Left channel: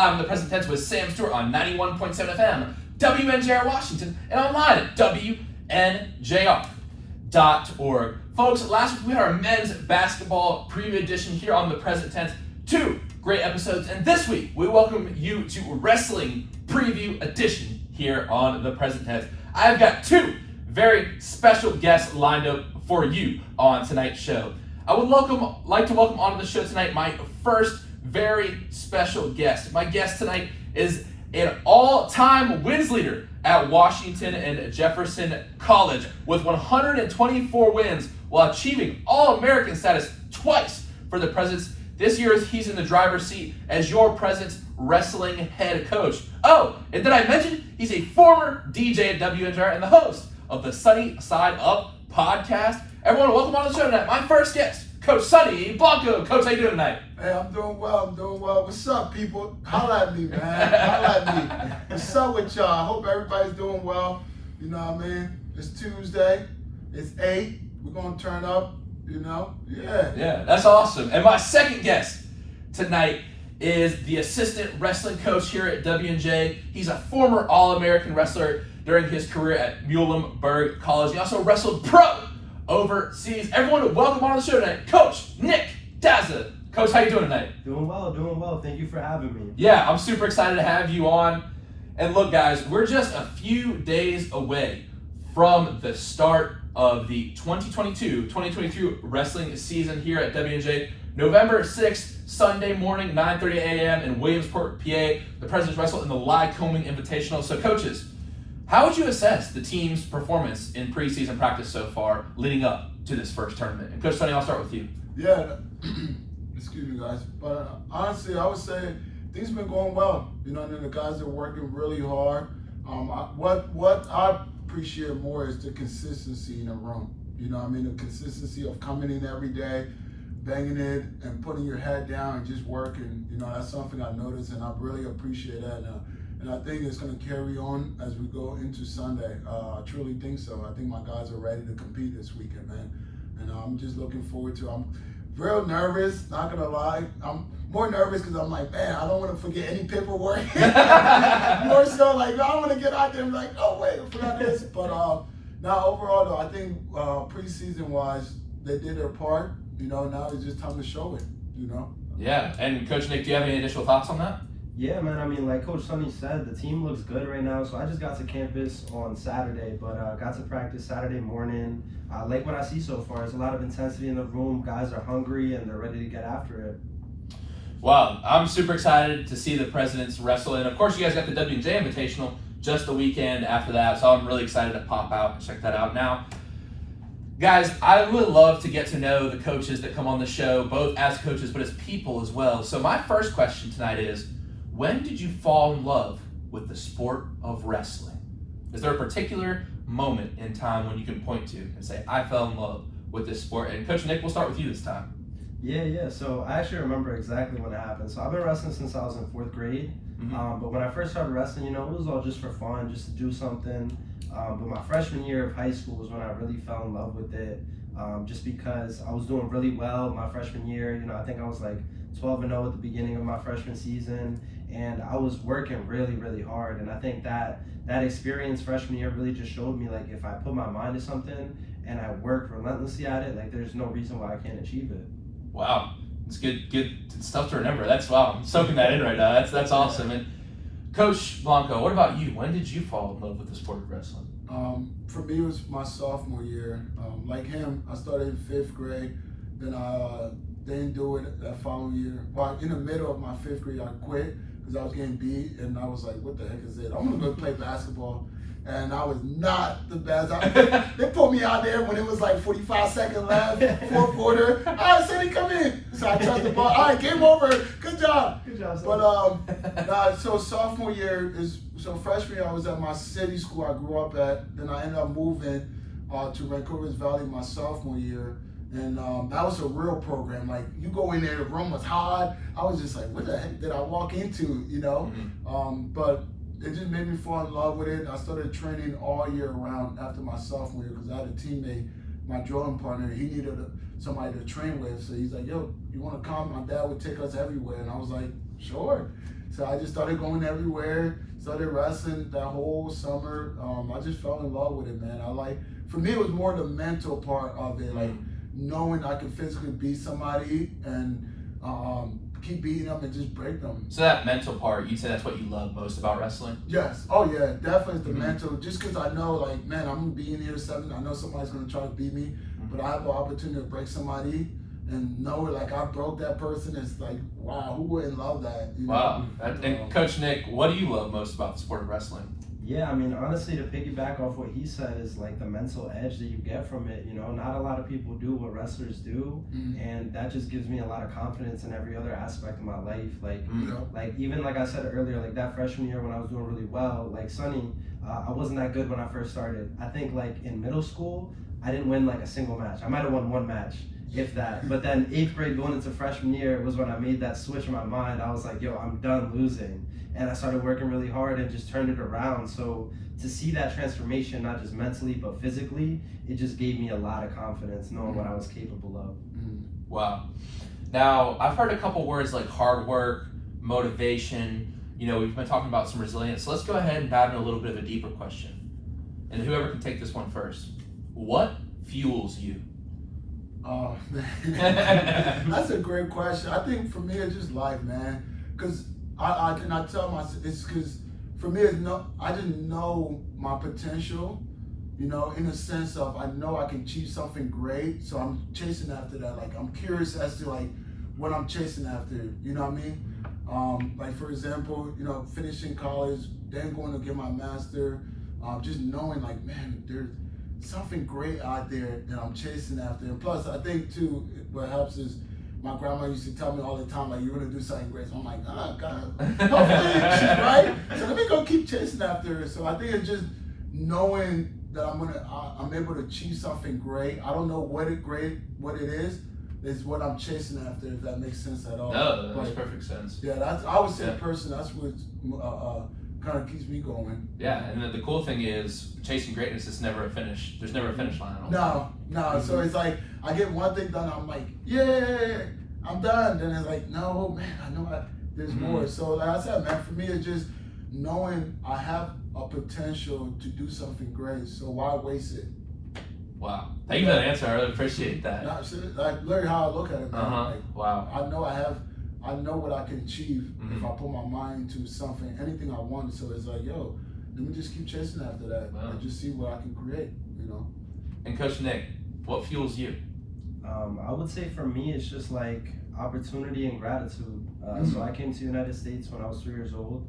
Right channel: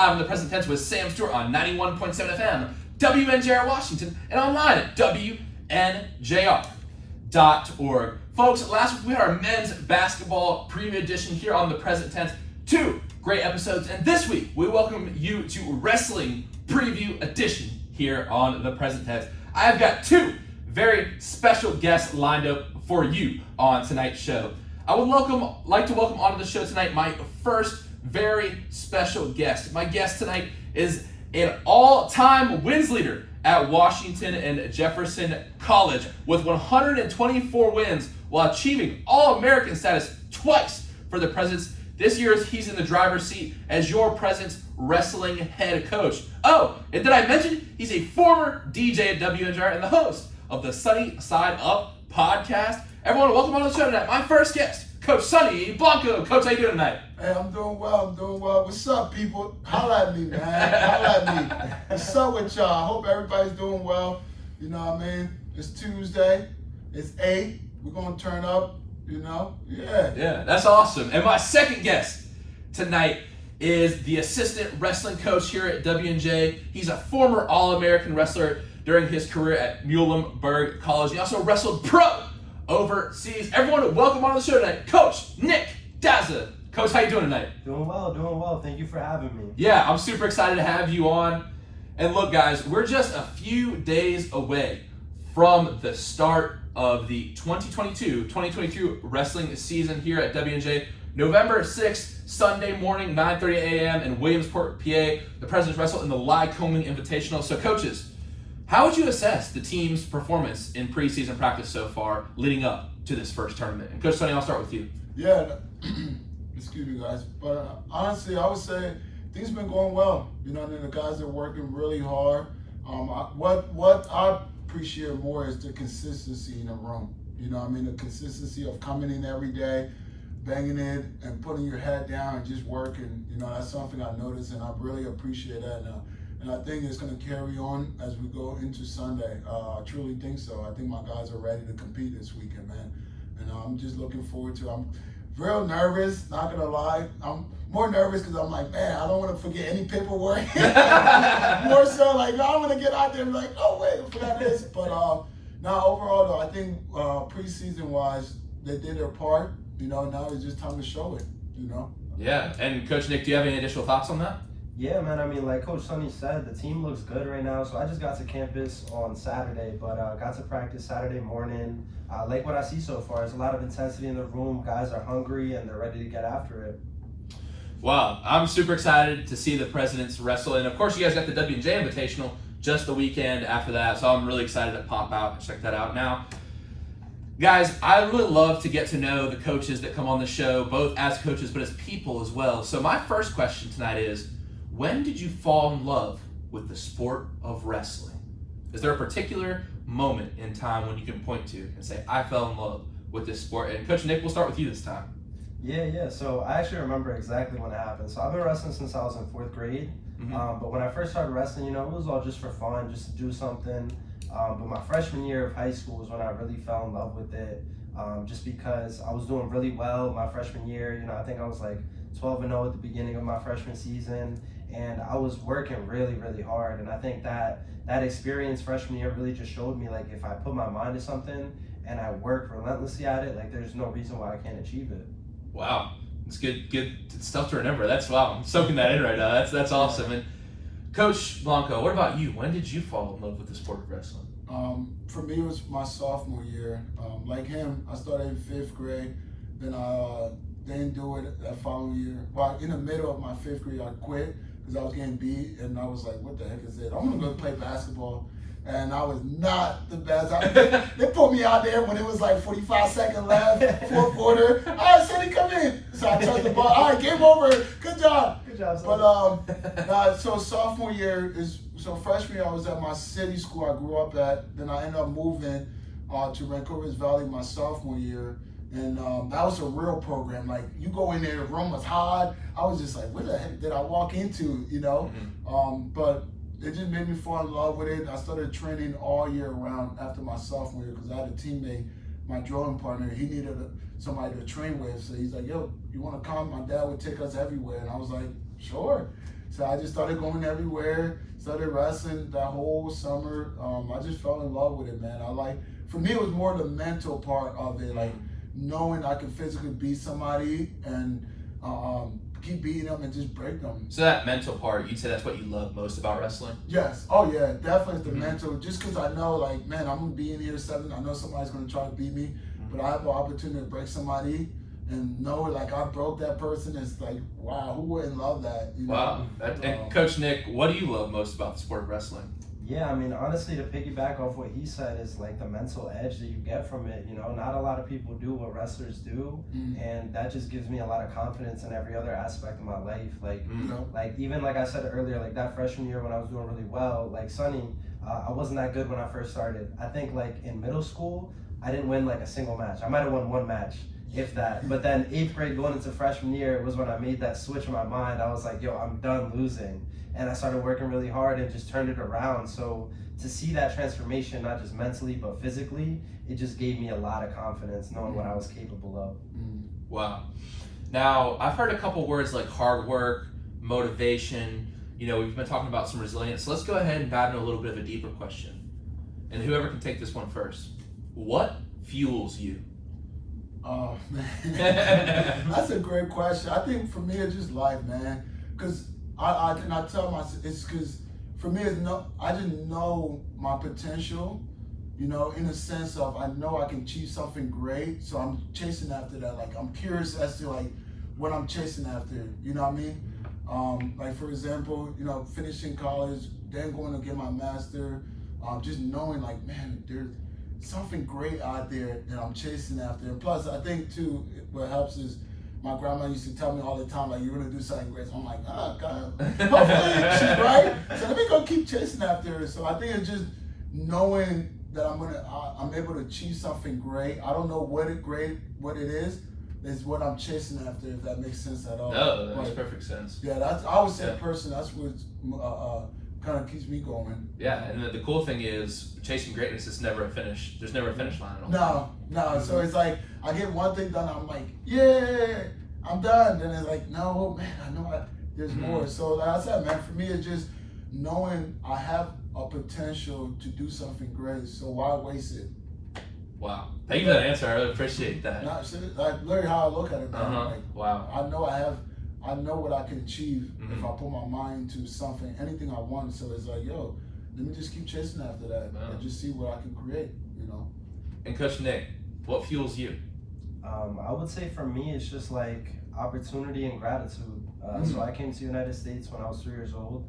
live in the present tense with Sam Stewart on 91.7 FM, WNJR Washington, and online at WNJR.org. Folks, last week we had our men's basketball preview edition here on the present tense. 2 great episodes, and this week we welcome you to wrestling preview edition here on the present tense. I have got 2 very special guests lined up for you on tonight's show. I would like to welcome onto the show tonight my first very special guest. My guest tonight is an all-time wins leader at Washington and Jefferson College with 124 wins while achieving All-American status twice for the Presidents. This year he's in the driver's seat as your Presidents wrestling head coach. Oh, and did I mention he's a former DJ at WNJR and the host of the Sunny Side Up podcast. Everyone, welcome on the show tonight. My first guest, Coach Sonny Blanco. Coach, how you doing tonight? Hey, I'm doing well. What's up, people? Holla at me, man. Holla at me. What's up with y'all? I hope everybody's doing well. You know what I mean? It's Tuesday. It's 8. We're going to turn up, you know? Yeah, that's awesome. And my second guest tonight is the assistant wrestling coach here at WNJ. He's a former All-American wrestler during his career at Muhlenberg College. He also wrestled pro overseas. Everyone, welcome on the show tonight, Coach Nick Daza. Coach, how you doing tonight? Doing well. Thank you for having me. Yeah, I'm super excited to have you on. And look, guys, we're just a few days away from the start of the 2022-2023 wrestling season here at WNJ. November 6th, Sunday morning, 9:30 a.m. in Williamsport, PA. The Presidents wrestle in the Lycoming Invitational. So, coaches, how would you assess the team's performance in preseason practice so far leading up to this first tournament? And Coach Sonny, I'll start with you. Yeah, excuse me, guys. But honestly, I would say things have been going well. You know, the guys are working really hard. What I appreciate more is the consistency in the room. You know what I mean? The consistency of coming in every day, banging it, and putting your head down and just working. You know, that's something I noticed, and I really appreciate that now. And I think it's going to carry on as we go into Sunday. I truly think so. I think my guys are ready to compete this weekend, man. And I'm just looking forward to it. I'm real nervous, not going to lie. I'm more nervous because I'm like, man, I don't want to forget any paperwork. More so like, I don't want to get out there and be like, oh, wait, I forgot this. But now overall, though, I think preseason-wise, they did their part. You know, now it's just time to show it, you know? Yeah, and Coach Nick, do you have any additional thoughts on that? Yeah, man, I mean, like Coach Sonny said, the team looks good right now. So I just got to campus on Saturday, but got to practice Saturday morning. I like what I see so far. There's a lot of intensity in the room. Guys are hungry, and they're ready to get after it. Well, I'm super excited to see the Presidents wrestle. And, of course, you guys got the WJ Invitational just the weekend after that. So I'm really excited to pop out and check that out. Now, guys, I would love to get to know the coaches that come on the show, both as coaches but as people as well. So my first question tonight is, when did you fall in love with the sport of wrestling? Is there a particular moment in time when you can point to and say, I fell in love with this sport? And Coach Nick, we'll start with you this time. Yeah. So I actually remember exactly when it happened. So I've been wrestling since I was in 4th grade. But when I first started wrestling, you know, it was all just for fun, just to do something. But my freshman year of high school was when I really fell in love with it. Just because I was doing really well my freshman year. You know, I think I was like 12-0 at the beginning of my freshman season. And I was working really, really hard. And I think that experience freshman year really just showed me, like, if I put my mind to something and I work relentlessly at it, like, there's no reason why I can't achieve it. Wow. It's good stuff to remember. Wow. I'm soaking that in right now. That's awesome. And Coach Blanco, what about you? When did you fall in love with the sport of wrestling? For me, it was my sophomore year. Like him, I started in 5th grade. Then I didn't do it that following year. But in the middle of my 5th grade, I quit because I was getting beat. And I was like, what the heck is it? I'm going to go play basketball. And I was not the best. They put me out there when it was like 45 seconds left, 4th quarter. All right, Sonny, come in. So I touched the ball. All right, game over. Good job. But so sophomore year so freshman year I was at my city school I grew up at. Then I ended up moving to Vancouver Valley my sophomore year. And that was a real program. Like, you go in there, the room was hot. I was just like, what the heck did I walk into, you know? But it just made me fall in love with it. I started training all year round after my sophomore year because I had a teammate, my drawing partner, he needed somebody to train with. So he's like, yo, you want to come? My dad would take us everywhere. And I was like, sure. So I just started going everywhere, started wrestling that whole summer. I just fell in love with it, man. For me, it was more the mental part of it, like knowing I could physically beat somebody and keep beating them and just break them. So that mental part, you'd say that's what you love most about wrestling? Yes. Oh yeah, definitely the mental. Just because I know, like, man, I'm gonna be in here 7. I know somebody's gonna try to beat me, but I have the opportunity to break somebody and know it. Like I broke that person. It's like, wow, who wouldn't love that? You know? Wow. And Coach Nick, what do you love most about the sport of wrestling? Yeah, I mean, honestly, to piggyback off what he said is like the mental edge that you get from it. You know, not a lot of people do what wrestlers do, and that just gives me a lot of confidence in every other aspect of my life. Like, like even like I said earlier, like that freshman year when I was doing really well, like Sonny, I wasn't that good when I first started. I think like in middle school, I didn't win like a single match. I might have won 1 match, if that. But then 8th grade going into freshman year was when I made that switch in my mind. I was like, yo, I'm done losing. And I started working really hard and just turned it around. So to see that transformation, not just mentally, but physically, it just gave me a lot of confidence knowing what I was capable of. Wow. Now, I've heard a couple words like hard work, motivation. You know, we've been talking about some resilience. So let's go ahead and dive into a little bit of a deeper question. And whoever can take this one first. What fuels you? Oh, man. That's a great question. I think for me, it's just life, man. Because I tell myself, it's because for me, I didn't know my potential, you know, in a sense of I know I can achieve something great. So I'm chasing after that. Like, I'm curious as to, like, what I'm chasing after. You know what I mean? Like, for example, you know, finishing college, then going to get my master, just knowing, like, man, there's something great out there that I'm chasing after. And plus, I think, too, what helps is my grandma used to tell me all the time, like, you're going to do something great. So I'm like, oh, God. Hopefully she's right. So let me go keep chasing after her. So I think it's just knowing that I'm able to achieve something great. I don't know what it is what I'm chasing after, if that makes sense at all. No, that makes perfect sense. Yeah, I would say personally, that's what kind of keeps me going. Yeah, and the cool thing is chasing greatness is never a finish. There's never a finish line. No. So it's like I get one thing done, I'm like, yeah, I'm done. Then it's like, no, man, I know there's more. So like I said, man, for me, it's just knowing I have a potential to do something great. So why waste it? Wow. Thank you for that answer. I really appreciate that. Like literally how I look at it, man. Like, wow. I know what I can achieve if I put my mind to something, anything I want. So it's like, yo, let me just keep chasing after that and just see what I can create, you know. And Coach Nick, what fuels you? I would say for me, it's just like opportunity and gratitude. So I came to the United States when I was 3 years old,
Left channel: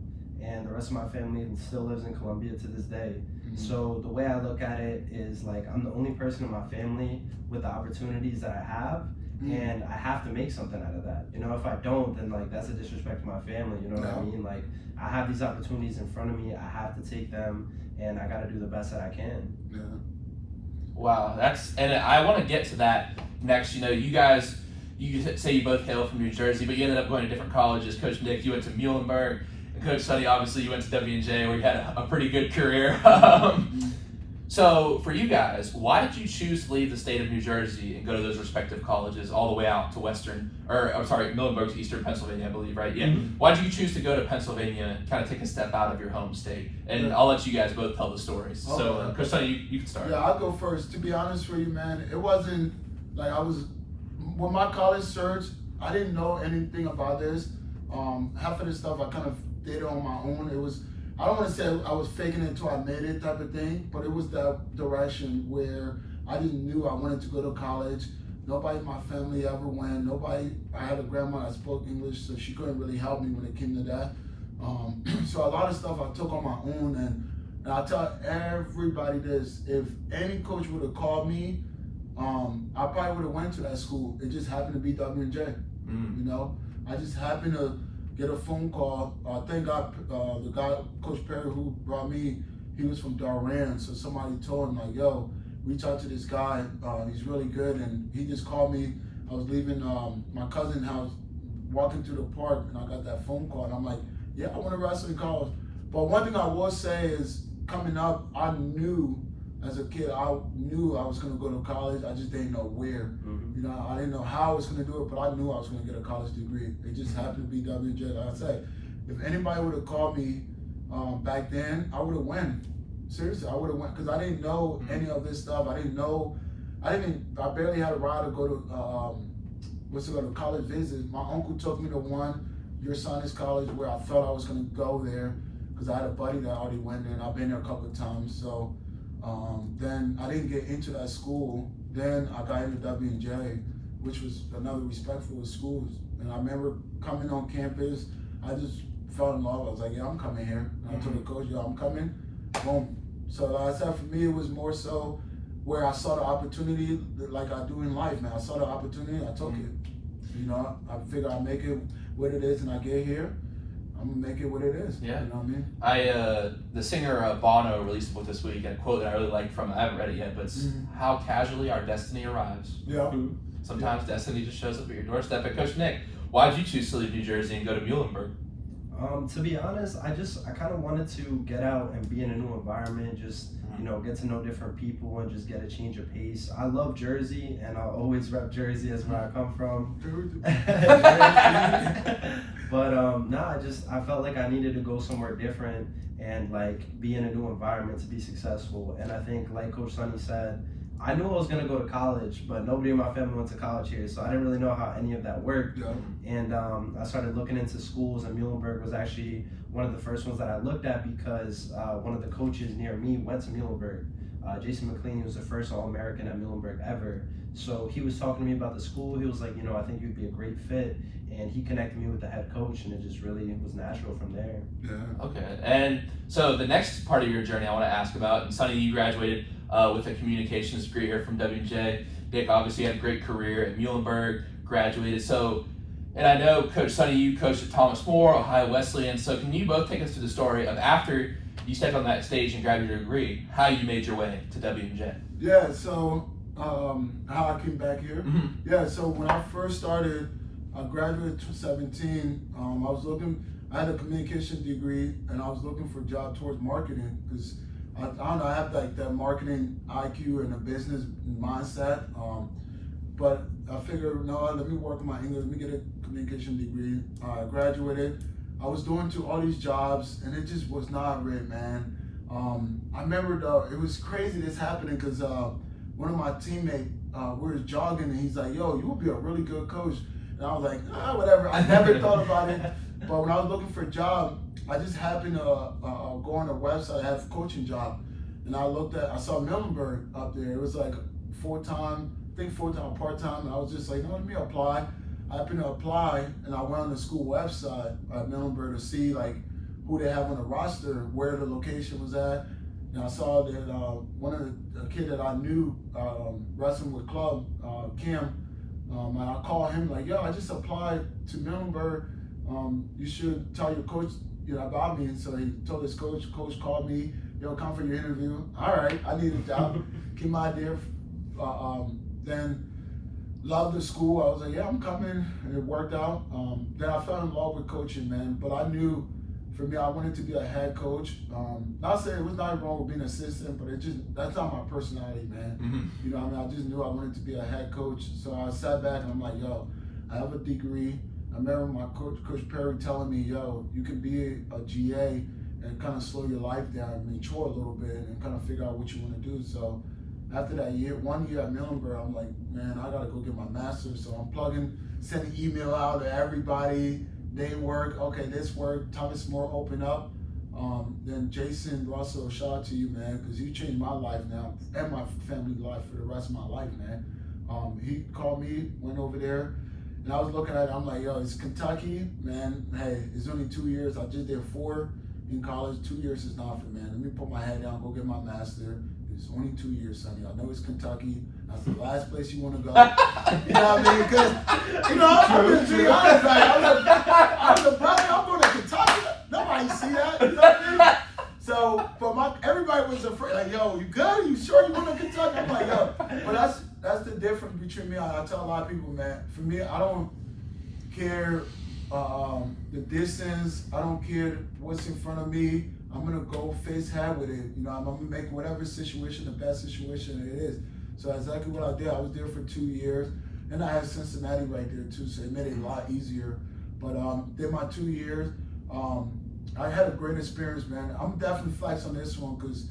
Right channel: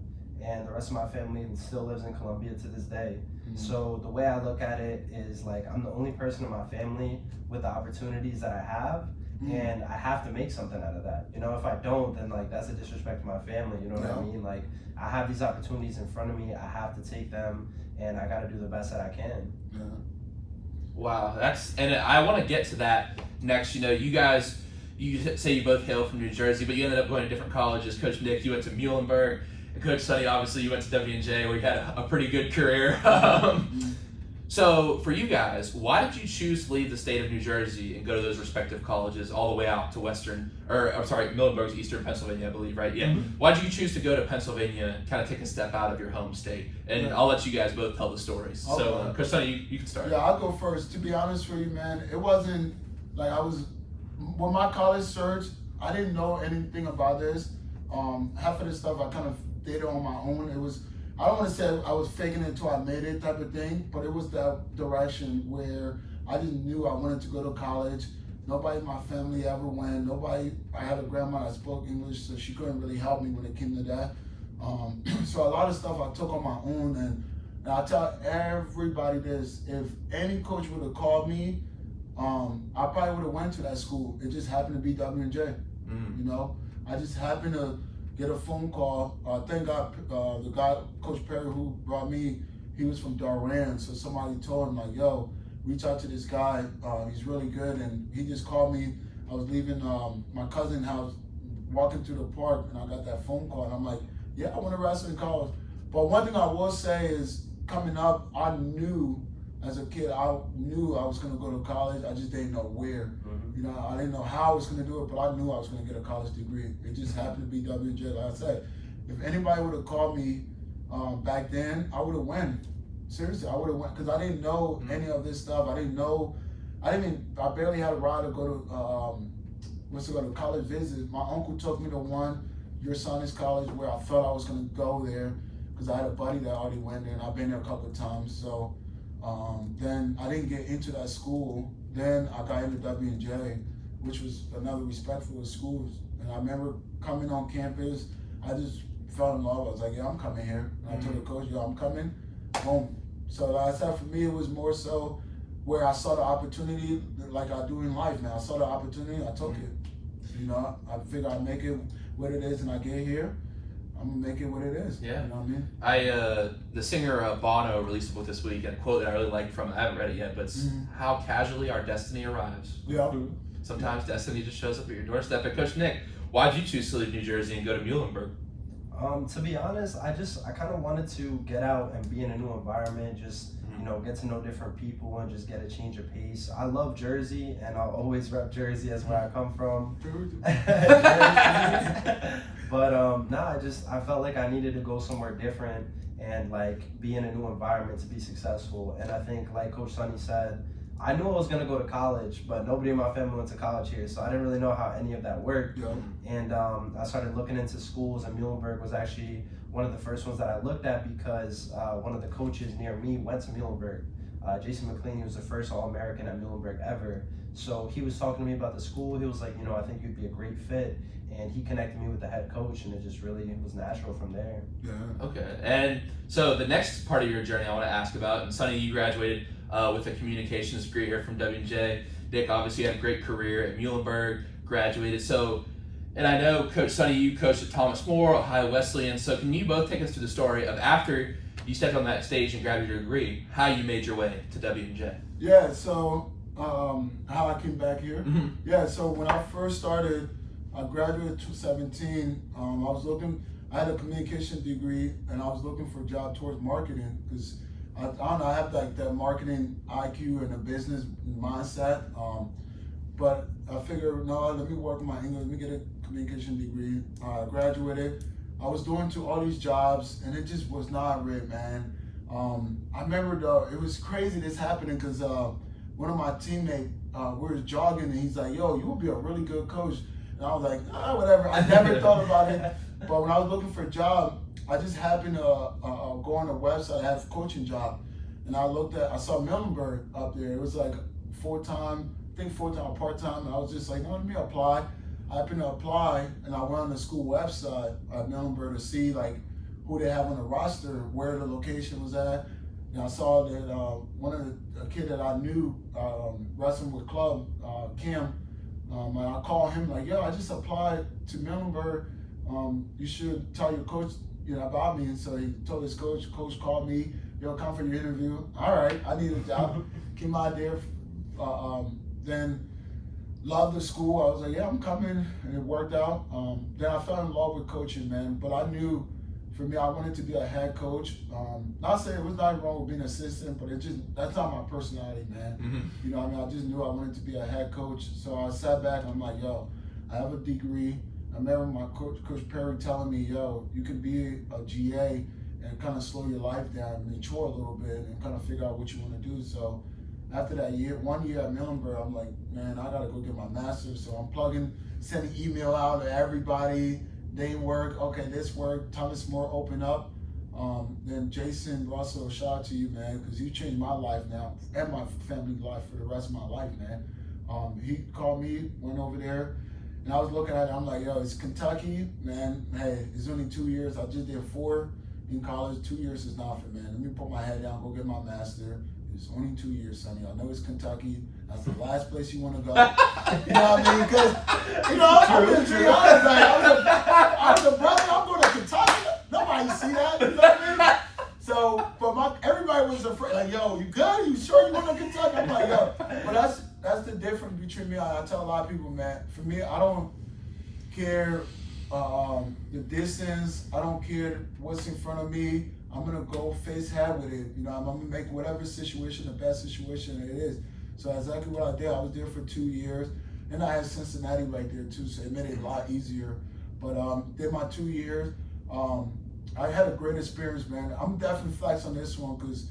and the rest of my family still lives in Colombia to this day. So the way I look at it is like I'm the only person in my family with the opportunities that I have, and I have to make something out of that. You know, if I don't, then like that's a disrespect to my family. You know what I mean? Like I have these opportunities in front of me. I have to take them, and I got to do the best that I can. Yeah. Wow, and I want to get to that next. You know, you guys, you say you both hail from New Jersey, but you ended up going to different colleges. Coach Nick, you went to Muhlenberg. Coach Sonny, obviously, you went to W&J, where you had a pretty good career. So, for you guys, why did you choose to leave the state of New Jersey and go to those respective colleges all the way out to Muhlenberg's Eastern Pennsylvania, I believe, right? Yeah. Why did you choose to go to Pennsylvania, kind of take a step out of your home state? And I'll let you guys both tell the stories. Okay. So, Coach Sonny, you can start. Yeah, I'll go first. To be honest with you, man, it wasn't like with my college search, I didn't know anything about this. Half of the stuff I kind of did it on my own. It was, I don't want to say I was faking it until I made it type of thing, but it was that direction where I just knew I wanted to go to college. Nobody in my family ever went. I had a grandma that spoke English, so she couldn't really help me when it came to that. So a lot of stuff I took on my own, and I tell everybody this, if any coach would have called me, I probably would have went to that school. It just happened to be W&J, you know? I just happened to get a phone call. Thank God, the guy, Coach Perry, who brought me, he was from Durham. So somebody told him, like, yo, reach out to this guy. He's really good. And he just called me. I was leaving my cousin's house, walking through the park, and I got that phone call. And I'm like, yeah, I want to wrestle in college. But one thing I will say is, coming up, I knew as a kid, I knew I was going to go to college. I just didn't know where. You know, I didn't know how I was going to do it, but I knew I was going to get a college degree. It just happened to be W&J. Like I said, if anybody would have called me back then, I would have won. Seriously, I would have won because I didn't know any of this stuff. I barely had a ride to go to college visits. My uncle took me to one, your son is college, where I thought I was gonna go there because I had a buddy that already went there, and I've been there a couple of times. So then I didn't get into that school. Then I got into W&J, which was another respectful school. And I remember coming on campus, I just fell in love. I was like, yeah, I'm coming here. And I told the coach, yo, I'm coming. Boom. So like I said, for me, it was more so where I saw the opportunity, like I do in life, man. I saw the opportunity, I took it. You know, I figure I make it what it is, and I get here, I'm gonna make it what it is. Yeah. You know what I mean? The singer Bono released a book this week, and a quote that I really liked from, I haven't read it yet, but it's how casually our destiny arrives. Yeah. Sometimes destiny just shows up at your doorstep. And Coach Nick, why did you choose to leave New Jersey and go to Muhlenberg? To be honest, I kind of wanted to get out and be in a new environment, just get to know different people and just get a change of pace. I love Jersey, and I'll always rep Jersey as where I come from. But I felt like I needed to go somewhere different and like be in a new environment to be successful. And I think, like Coach Sonny said, I knew I was gonna go to college, but nobody in my family went to college here, so I didn't really know how any of that worked. Yeah. And I started looking into schools, and Muhlenberg was actually one of the first ones that I looked at because one of the coaches near me went to Muhlenberg. Jason McLean, he was the first All-American at Muhlenberg ever. So he was talking to me about the school. He was like, I think you'd be a great fit. And he connected me with the head coach, and it just really was natural from there. Yeah. Okay, and so the next part of your journey I want to ask about, and Sonny, you graduated with a communications degree here from W&J. Nick obviously had a great career at Muhlenberg, graduated. So, and I know Coach Sonny, you coached at Thomas More, Ohio Wesleyan. So can you both take us through the story of after you stepped on that stage and grabbed your degree, how you made your way to W&J? Yeah, so how I came back here. Yeah, so when I first started, I graduated in 2017. I had a communication degree, and I was looking for a job towards marketing because I don't know, I have like that marketing IQ and a business mindset. But I figured, no, let me work on my English, let me get a communication degree. I graduated. I was doing all these jobs, and it just was not right, man. I remember it was crazy this happening because one of my teammates, we were jogging, and he's like, yo, you would be a really good coach. And I was like, whatever. I never thought about it. But when I was looking for a job, I just happened to go on a website. I had a coaching job, and I saw Muhlenberg up there. It was like full-time, part-time. And I was just like, no, let me apply. I happened to apply, and I went on the school website at Muhlenberg to see like who they have on the roster, where the location was at. And I saw that one of the kid that I knew wrestling with club, Kim. I called him like, yo, I just applied to Muhlenberg. You should tell your coach, about me. And so he told his coach. Coach called me, yo, come for your interview. All right, I need a job. Came out there. Then loved the school. I was like, yeah, I'm coming, and it worked out. Then I fell in love with coaching, man. But I knew, for me, I wanted to be a head coach. Not saying it was not wrong with being an assistant, but that's not my personality, man. I just knew I wanted to be a head coach. So I sat back and I'm like, yo, I have a degree. I remember my coach Perry telling me, yo, you can be a GA and kind of slow your life down, mature a little bit, and kind of figure out what you want to do. So after that 1 year at Muhlenberg, I'm like, man, I gotta go get my master's. So I'm sending email out to everybody. They work, okay, this work. Thomas More open up. Then Jason Russell, shout out to you, man, because you changed my life now and my family life for the rest of my life, man. He called me, went over there, and I was looking at it. I'm like, yo, it's Kentucky, man. Hey, it's only 2 years. I just did 4 in college. 2 years is nothing, man. Let me put my head down, go get my master. It's only 2 years, Sonny. I know it's Kentucky. That's the last place you want to go. You know what I mean? Because, I'm going to be honest. Like, I'm the brother. I'm going to Kentucky. Nobody see that. You know what I mean? So, but everybody was afraid. Like, yo, you good? You sure you want to Kentucky? I'm like, yo. But that's the difference between me. I tell a lot of people, man. For me, I don't care the distance. I don't care what's in front of me. I'm gonna go face head with it. I'm gonna make whatever situation the best situation it is. So exactly what I did. I was there for 2 years, and I had Cincinnati right there too, so it made it a lot easier. But did my 2 years. I had a great experience, man. I'm definitely flex on this one because,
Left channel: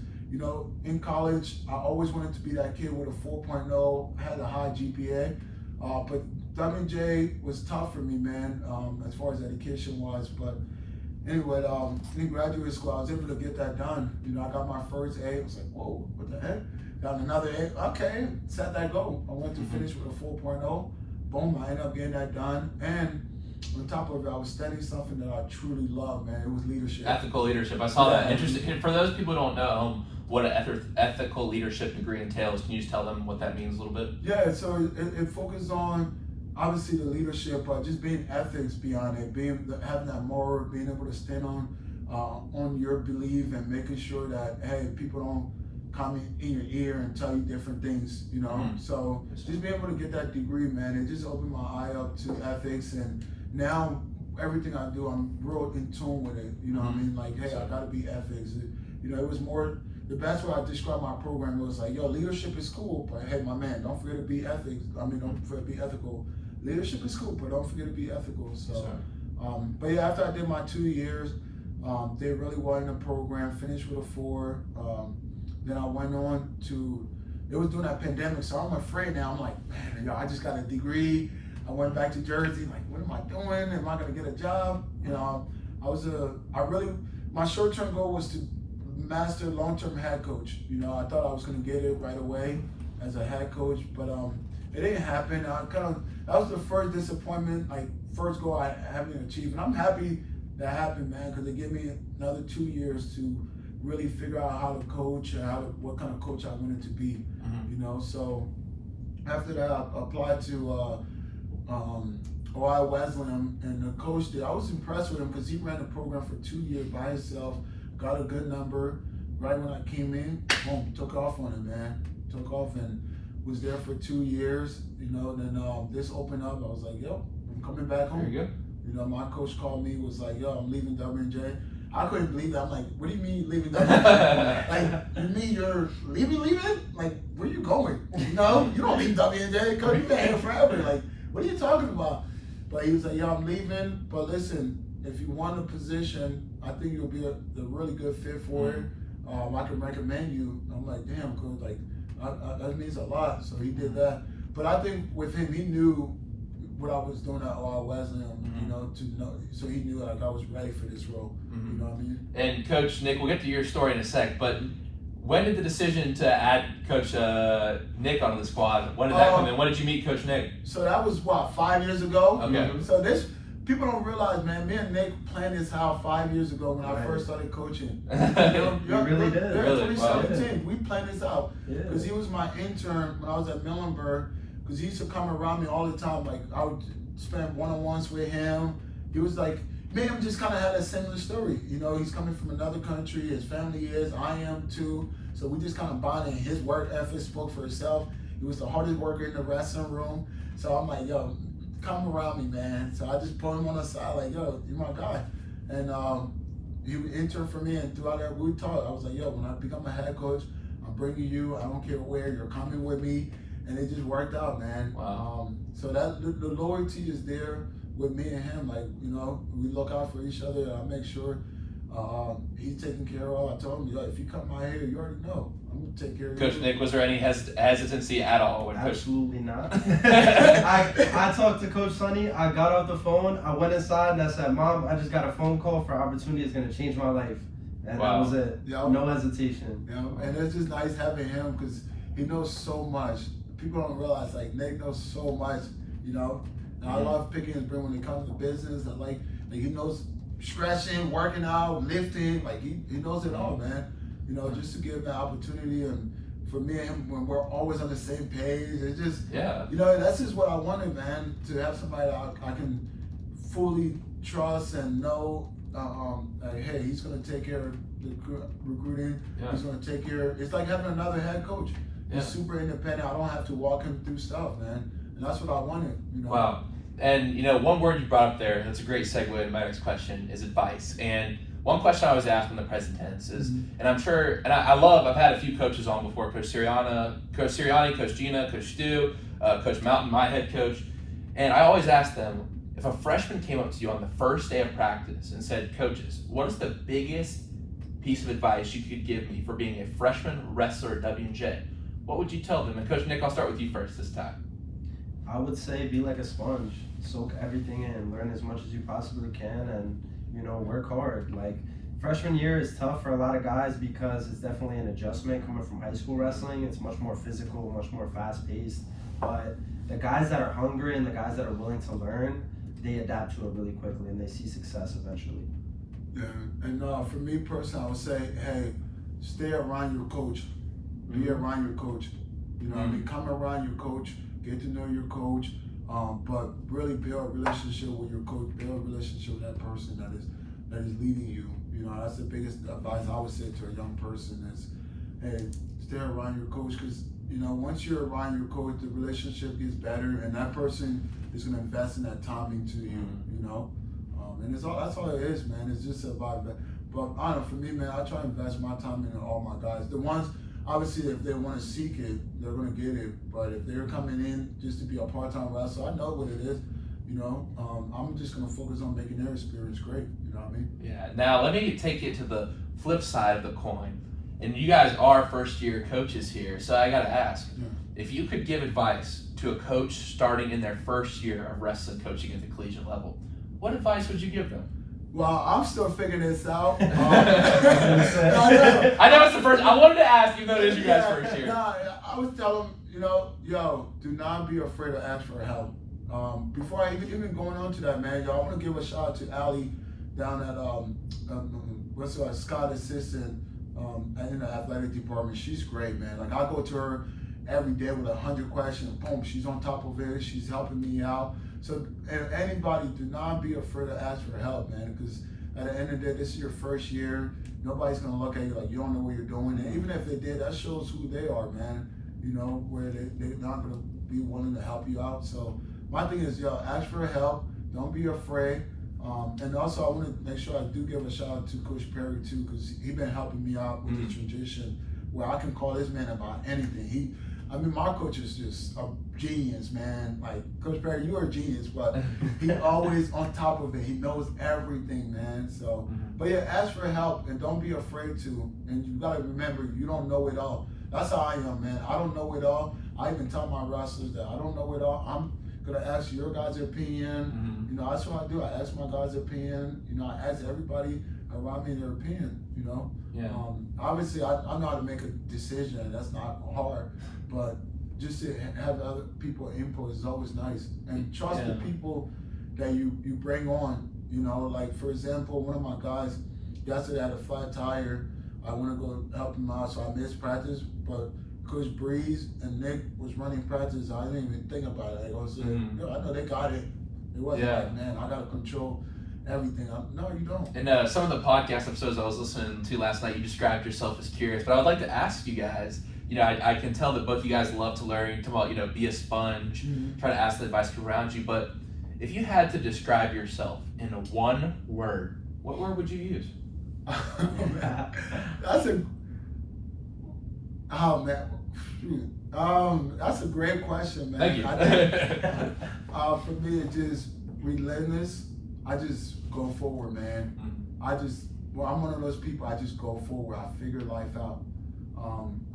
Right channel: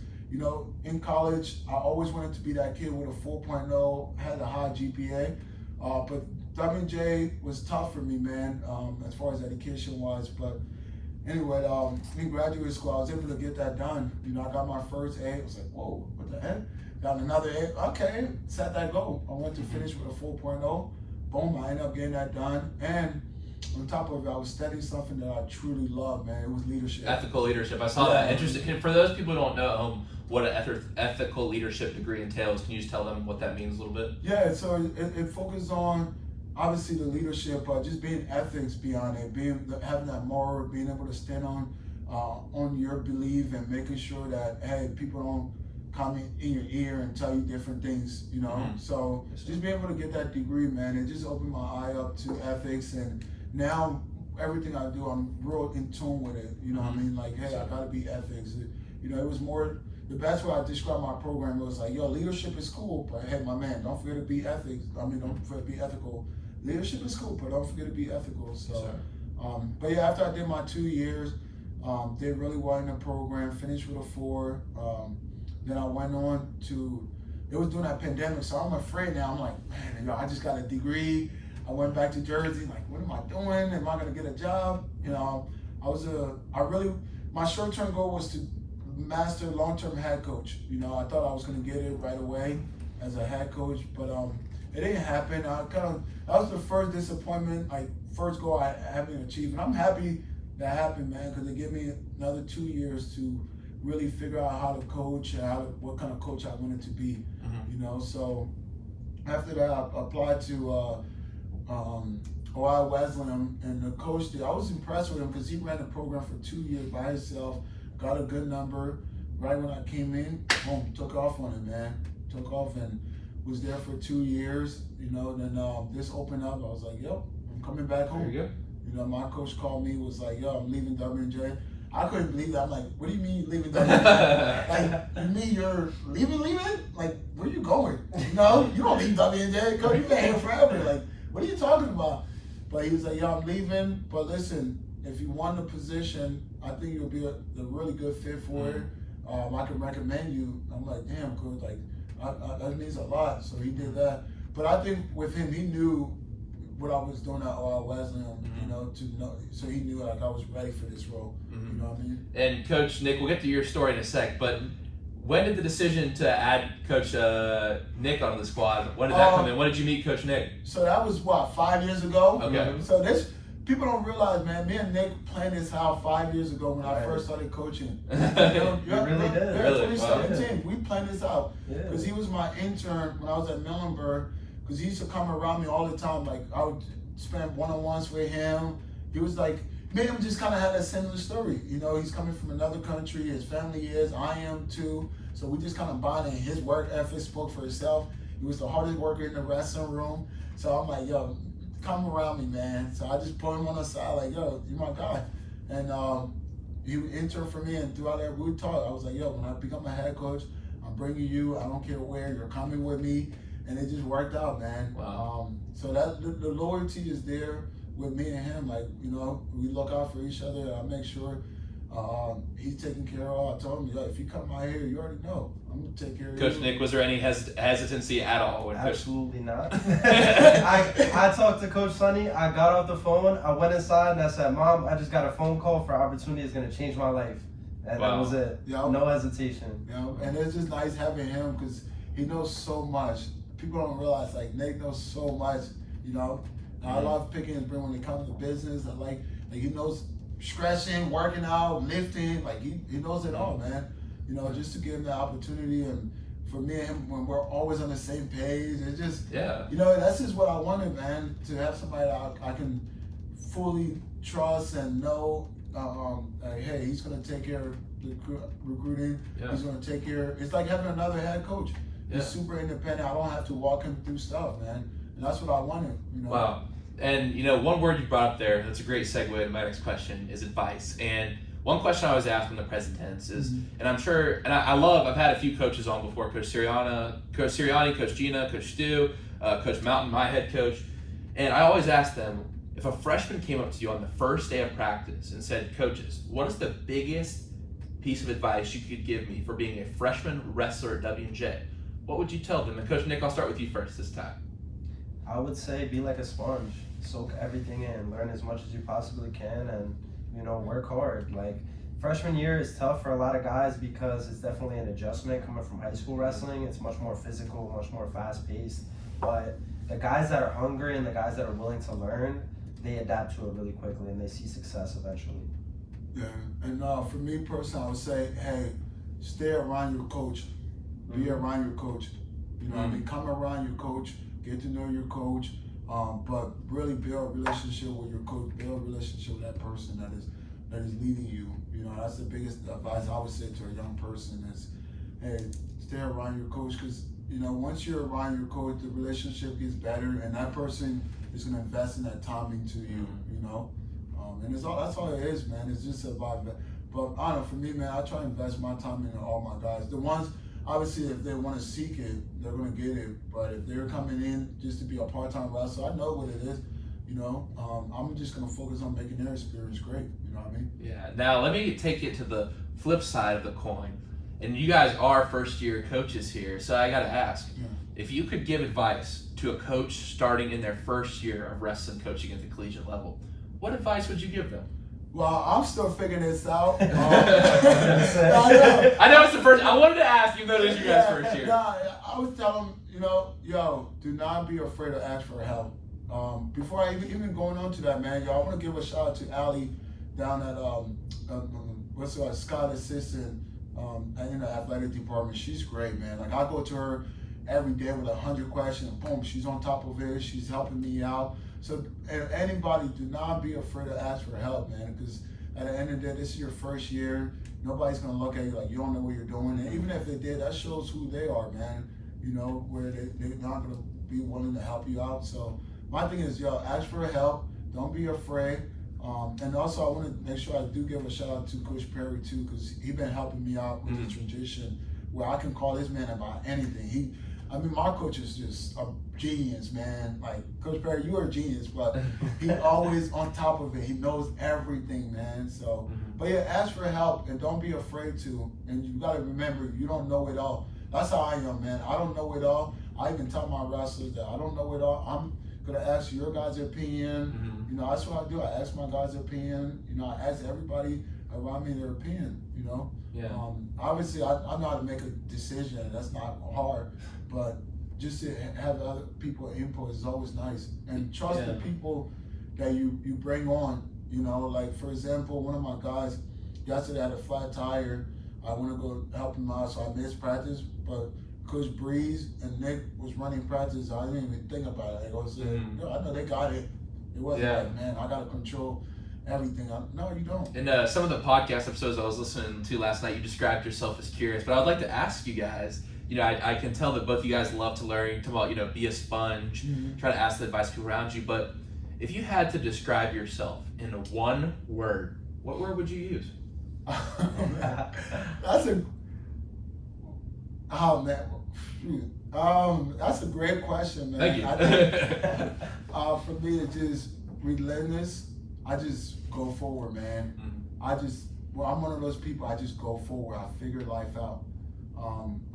in college, I always wanted to be that kid with a 4.0, had a high GPA. But WJ was tough for me, man, as far as education was. But anyway, in graduate school, I was able to get that done. I got my first A. I was like, whoa, what the heck? Got another A. Okay, set that goal. I went to finish with a 4.0. Boom, I ended up getting that done. And on top of it, I was studying something that I truly love, man. It was leadership. Ethical leadership. I saw that. Interesting. For those people who don't know at home what an ethical leadership degree entails, can you just tell them what that means a little bit? Yeah, so it focuses on, obviously, the leadership, but just being ethics beyond it, having that moral, being able to stand on your belief and making sure that, hey, people don't come in your ear and tell you different things, So just being able to get that degree, man, it just opened my eye up to ethics, and now everything I do, I'm real in tune with it. What I mean? Like, hey, I gotta be ethics. It was more, the best way I described my program was like, yo, leadership is cool, but hey, my man, don't forget to be ethics. Don't forget to be ethical. Leadership is cool, but don't forget to be ethical. So, but yeah, after I did my 2 years, did really well in the program, finished with a 4. Then I went on to, it was during that pandemic, so I'm afraid now. I'm like, man, I just got a degree. I went back to Jersey, like, what am I doing? Am I gonna get a job? My short-term goal was to master long-term head coach. I thought I was gonna get it right away as a head coach, but it didn't happen. That was the first disappointment, like first goal I haven't achieved. And I'm happy that happened, man, because it gave me another 2 years to really figure out how to coach and what kind of coach I wanted to be. So after that, I applied to Ohio Wesleyan, and the coach there, I was impressed with him because he ran the program for 2 years by himself, got a good number. Right when I came in, boom, took off on him, man. Took off and was there for 2 years. Then this opened up. I was like, yo, I'm coming back home. There you go. My coach called me, was like, yo, I'm leaving WJ. I couldn't believe that. I'm like, what do you mean you're leaving WJ? Like, you mean you're leaving? Like, where you going? You don't leave WJ. Coach, you've been here forever. Like, what are you talking about? But he was like, yo, I'm leaving. But listen, if you want a position, I think you'll be a really good fit for it. I can recommend you. I'm like, damn, coach, like, that means a lot. So he did that. But I think with him, he knew what I was doing at Wesleyan, so he knew like I was ready for this role. You know what I mean? And Coach Nick, we'll get to your story in a sec, but when did the decision to add Coach Nick onto the squad, when did that come in? When did you meet Coach Nick? So that was, 5 years ago? Okay. So people don't realize, man, me and Nick planned this out 5 years ago when I first started coaching. You really did. Yeah, Really? 2017, we planned this out. Yeah. Because he was my intern when I was at Millenburg, because he used to come around me all the time. Like, I would spend one-on-ones with him. He was like, me and him just kind of had a similar story. He's coming from another country, his family is, I am too. So we just kind of bonded. His work ethic spoke for itself. He was the hardest worker in the wrestling room. So I'm like, yo, come around me, man. So I just put him on the side, like, yo, you're my guy. And he interned for me, and throughout that, we talked. I was like, yo, when I become a head coach, I'm bringing you. I don't care where, you're coming with me. And it just worked out, man. Wow. So that the loyalty is there with me and him. Like, we look out for each other. I make sure he's taken care of. I told him, if you come out here, you already know. I'm going to take care of you. Coach Nick, was there any hesitancy at all? When Absolutely not. I talked to Coach Sonny. I got off the phone. I went inside and I said, Mom, I just got a phone call for opportunity that's going to change my life. And that was it. No hesitation. And it's just nice having him because he knows so much. People don't realize, like, Nick knows so much, I love picking his brain when it comes to business. I like he knows stretching, working out, lifting. Like, he knows it all, man. Just to give him the opportunity, and for me and him, when we're always on the same page, it just, that's just what I wanted, man, to have somebody that I can fully trust and know, hey, he's going to take care of the recruiting. Yeah. He's going to take care. It's like having another head coach. He's super independent. I don't have to walk him through stuff, man. And that's what I wanted. Wow. And one word you brought up there, that's a great segue to my next question, is advice. And one question I always ask in the present tense is, and I'm sure, and I've had a few coaches on before, Coach Sirianni, Coach Gina, Coach Stu, Coach Mountain, my head coach, and I always ask them, if a freshman came up to you on the first day of practice and said, coaches, what is the biggest piece of advice you could give me for being a freshman wrestler at W&J, what would you tell them? And Coach Nick, I'll start with you first this time. I would say be like a sponge, soak everything in, learn as much as you possibly can, and work hard. Like, freshman year is tough for a lot of guys because it's definitely an adjustment coming from high school wrestling. It's much more physical, much more fast-paced. But the guys that are hungry and the guys that are willing to learn, they adapt to it really quickly and they see success eventually. Yeah, and for me personally, I would say, hey, stay around your coach. Be around your coach. You know what I mean? Come around your coach, get to know your coach, but really build a relationship with your coach, build a relationship with that person that is leading you. That's the biggest advice I would say to a young person is, hey, stay around your coach, because once you're around your coach, the relationship gets better, and that person is going to invest in that time into you. And that's all it is, man. It's just about that. But I don't know, for me, man, I try to invest my time in all my guys. The ones, obviously, if they want to seek it, they're going to get it. But if they're coming in just to be a part-time wrestler, I know what it is. I'm just going to focus on making their experience great. You know what I mean? Yeah. Now, let me take it to the flip side of the coin. And you guys are first-year coaches here, so I got to ask, if you could give advice to a coach starting in their first year of wrestling coaching at the collegiate level, what advice would you give them? Well, I'm still figuring this out. I know it's the first. I wanted to ask, even though it is you guys' first year. I would tell them, do not be afraid to ask for help. Before I even going on to that, man, I want to give a shout out to Allie down at Scott Assistant in the athletic department. She's great, man. Like, I go to her every day with 100 questions. Boom, she's on top of it. She's helping me out. So anybody, do not be afraid to ask for help, man, because at the end of the day, this is your first year. Nobody's going to look at you like you don't know what you're doing. And even if they did, that shows who they are, man, where they're not going to be willing to help you out. So my thing is, ask for help. Don't be afraid. And also, I want to make sure I do give a shout out to Coach Perry, too, because he's been helping me out with the transition where I can call this man about anything. My coach is just a genius, man. Like, Coach Perry, you are a genius, but he's always on top of it. He knows everything, man. So, but yeah, ask for help and don't be afraid to. And you gotta remember, you don't know it all. That's how I am, man. I don't know it all. I even tell my wrestlers that I don't know it all. I'm gonna ask your guys' opinion. That's what I do. I ask my guys' opinion. I ask everybody around me their opinion. Yeah. Obviously, I know how to make a decision. That's not hard. But just to have other people input is always nice. And trust the people that you bring on. Like, for example, one of my guys yesterday had a flat tire. I want to go help him out, so I missed practice. But Coach Breeze and Nick was running practice, so I didn't even think about it. I was saying, I know they got it. It wasn't like, man, I got to control everything. No, you don't. And some of the podcast episodes I was listening to last night, you described yourself as curious. But I would like to ask you guys, I can tell that both of you guys love to learn. You're talking about, be a sponge, try to ask the advice around you. But if you had to describe yourself in one word, what word would you use? That's a great question, man. Thank you. I think, for me, it's just relentless. I just go forward, man. I'm one of those people. I just go forward. I figure life out.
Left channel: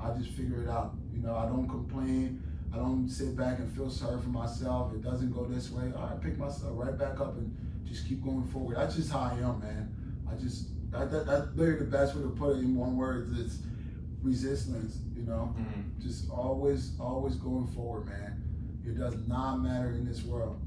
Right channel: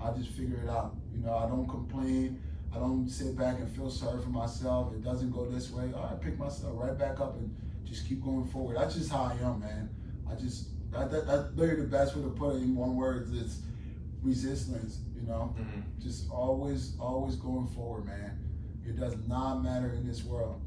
I just figure it out. I don't complain. I don't sit back and feel sorry for myself. It doesn't go this way. I pick myself right back up and just keep going forward. That's just how I am, man. That's literally the best way to put it in one word. It's resistance, Just always going forward, man. It does not matter in this world,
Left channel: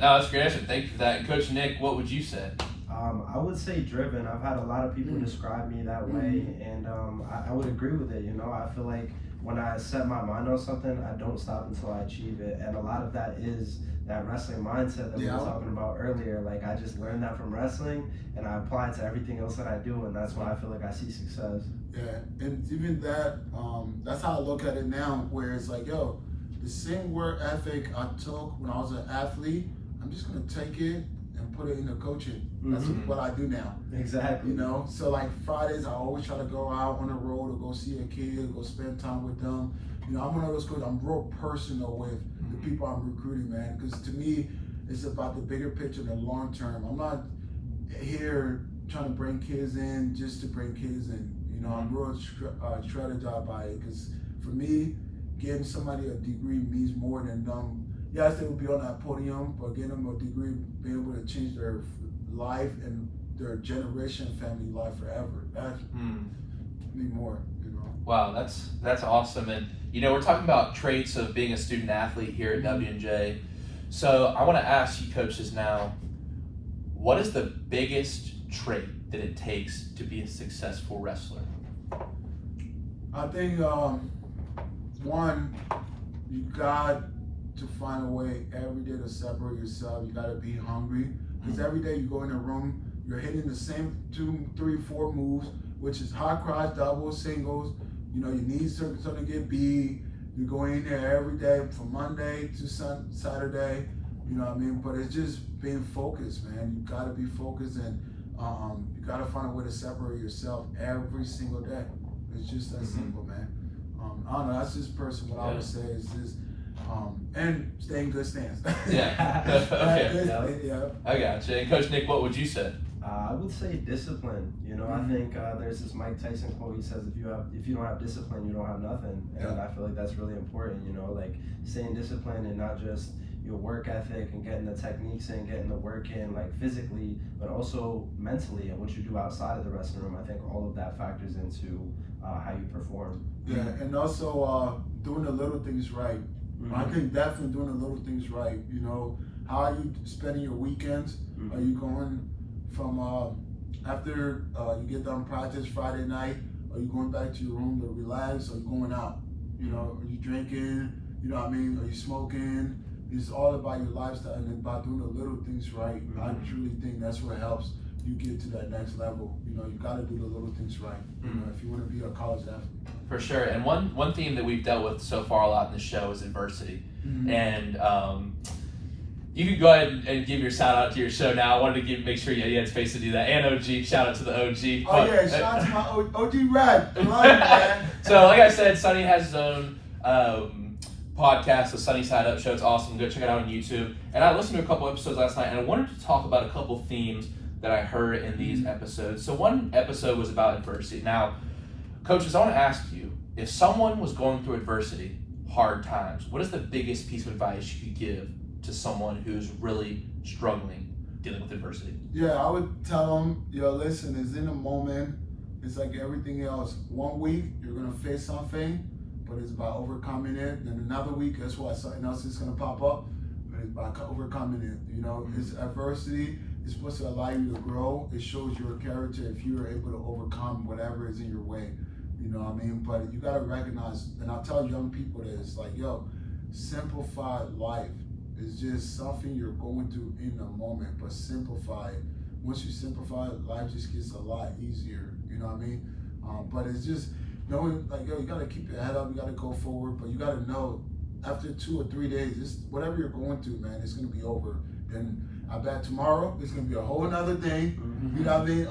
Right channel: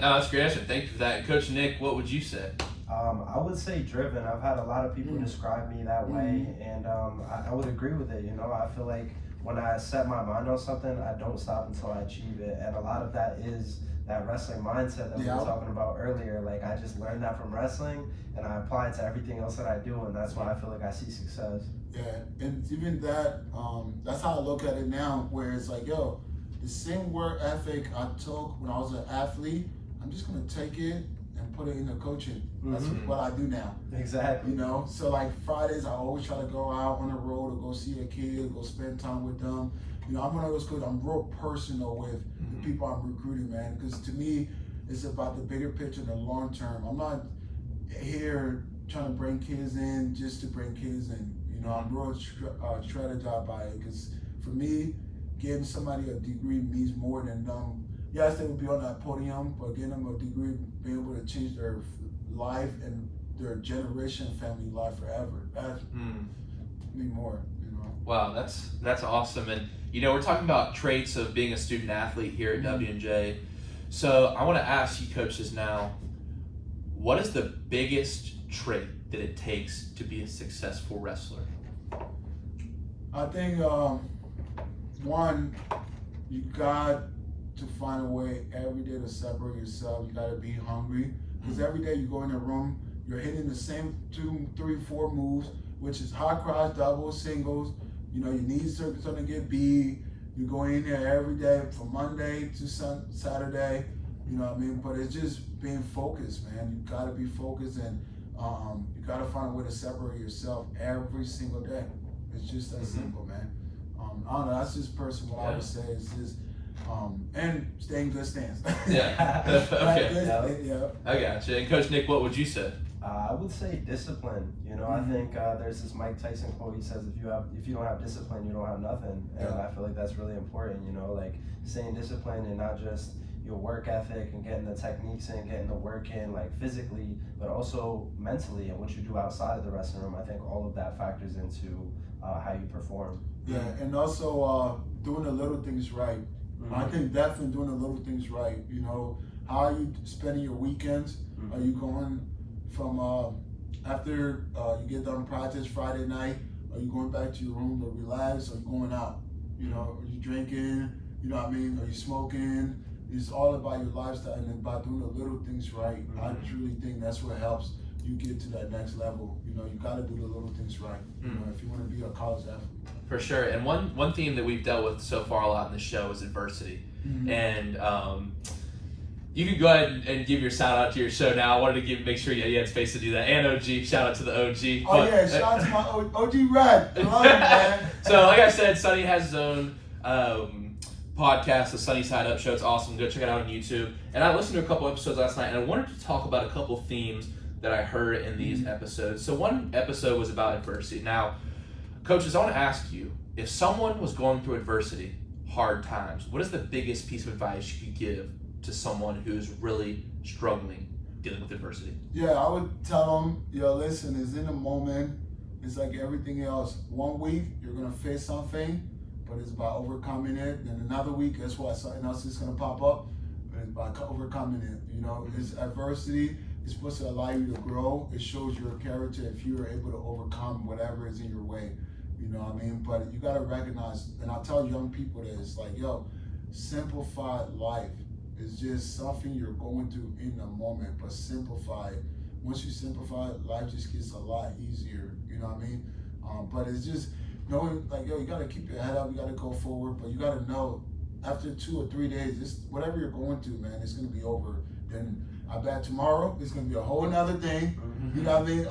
That's great. Thank you for that. Coach Nick, what would you say? I would say driven. I've had a lot of people describe me that way, and I would agree with it. I feel like when I set my mind on something, I don't stop until I achieve it, and a lot of that is that wrestling mindset that we were talking about earlier. Like, I just learned that from wrestling, and I apply it to everything else that I do, and that's why I feel like I see success. Yeah, and even that, that's how I look at it now, where it's like, the same work ethic I took when I was an athlete, I'm just gonna take it and put it into coaching. That's what I do now. Exactly. You know, so like Fridays, I always try to go out on the road or go see a kid, go spend time with them. You know, I'm one of those coaches. I'm real personal with the people I'm recruiting, man. Because to me, it's about the bigger picture, the long term. I'm not here trying to bring kids in just to bring kids in. You know, I'm real strategized by it. Because for me, getting somebody a degree means more than them. Yes, they will be on that podium, but getting them a degree, being able to change their life and their generation, family life forever. That's me more. You know. Wow, that's awesome. And you know, we're talking about traits of being a student athlete here at W&J. So I want to ask you coaches now, what is the biggest trait that it takes to be a successful wrestler? I think one, you got to find a way every day to separate yourself. You got to be hungry, because every day you go in a room, you're hitting the same 2, 3, 4 moves, which is high cross, doubles, singles. You know, you need something to get beat. You go in there every day from Monday to Saturday. You know what I mean? But it's just being focused, man. You got to be focused, and you got to find a way to separate yourself every single day. It's just that simple, man. I don't know. That's just personal. What I would say is just. And stay in good stance. Yeah. Okay. Yeah. I got you. And Coach Nick, what would you say? I would say discipline. You know, I think there's this Mike Tyson quote. He says, if you don't have discipline, you don't have nothing. And I feel like that's really important. You know, like staying disciplined and not just your work ethic and getting the techniques in, getting the work in, like physically, but also mentally and what you do outside of the wrestling room. I think all of that factors into how you perform. Yeah, and also doing the little things right. I think definitely doing the little things right. You know, how are you spending your weekends? Are you going from after you get done practice Friday night? Are you going back to your room to relax? Are you going out? You know, are you drinking? You know what I mean? Are you smoking? It's all about your lifestyle and about doing the little things right. I truly think that's what helps you get to that next level. You know, you got to do the little things right. You know, if you want to be a college athlete. For sure. And one theme that we've dealt with so far a lot in the show is adversity. And you can go ahead and give your shout out to your show now. I wanted to make sure you had space to do that. And OG, shout out to the OG. Oh yeah, shout out to my OG Red. I love you, man. So like I said, Sonny has his own podcast, the Sunny Side Up Show. It's awesome. Go check it out on YouTube. And I listened to a couple episodes last night, and I wanted to talk about a couple themes that I heard in these episodes. So one episode was about adversity. Now, coaches, I want to ask you, if someone was going through adversity, hard times, what is the biggest piece of advice you could give to someone who's really struggling dealing with adversity? Yeah, I would tell them, yo, listen, it's in a moment. It's like everything else. One week, you're going to face something, but it's about overcoming it. Then another week, guess what? Something else is going to pop up, and it's about overcoming it. You know, it's adversity. It's supposed to allow you to grow. It shows your character if you are able to overcome whatever is in your way. You know what I mean? But you got to recognize, and I tell young people this, like, yo, simplified life is just something you're going through in the moment, but simplify it. Once you simplify it, life just gets a lot easier. You know what I mean? But it's just knowing, like, yo, you got to keep your head up, you got to go forward, but you got to know after 2 or 3 days, whatever you're going through, man, it's going to be over. And I bet tomorrow it's going to be a whole nother thing. You know what I mean?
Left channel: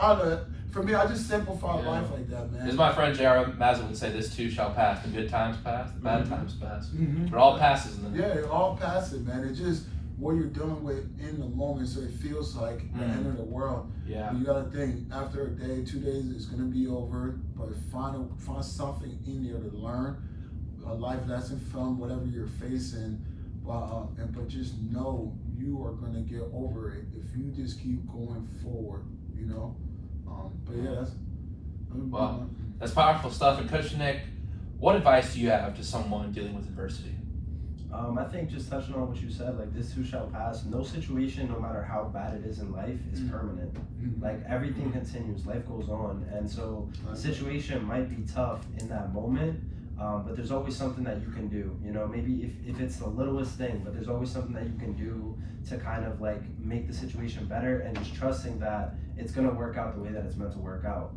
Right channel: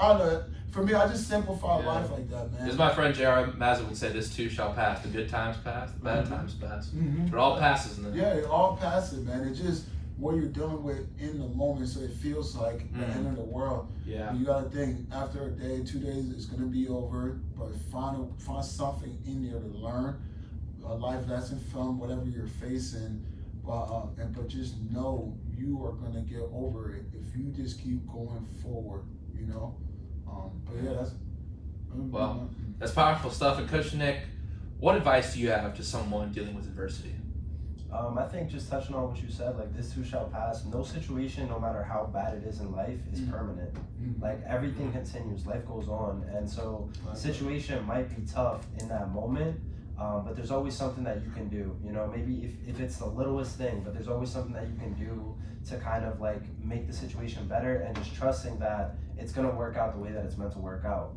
I don't know. For me, I just simplify life like that, man. As my friend J.R. Mazza would say, this too shall pass. The good times pass, the bad times pass. But it all passes in the Yeah, it all passes, man. It's just what you're dealing with in the moment, so it feels like the end of the world. Yeah. You gotta think, after a day, 2 days, it's gonna be over, but find something in there to learn, a life lesson from whatever you're facing, but just know you are gonna get over it if you just keep going forward, you know? But yeah, wow, that's powerful stuff. And Coach Nick, what advice do you have to someone dealing with adversity? I think just touching on what you said, like this too shall pass. No situation, no matter how bad it is in life, is permanent. Like everything continues, life goes on. And so the situation might be tough in that moment, but there's always something that you can do. You know, maybe if it's the littlest thing, but there's always something that you can do to kind of like make the situation better, and just trusting that it's gonna work out the way that it's meant to work out.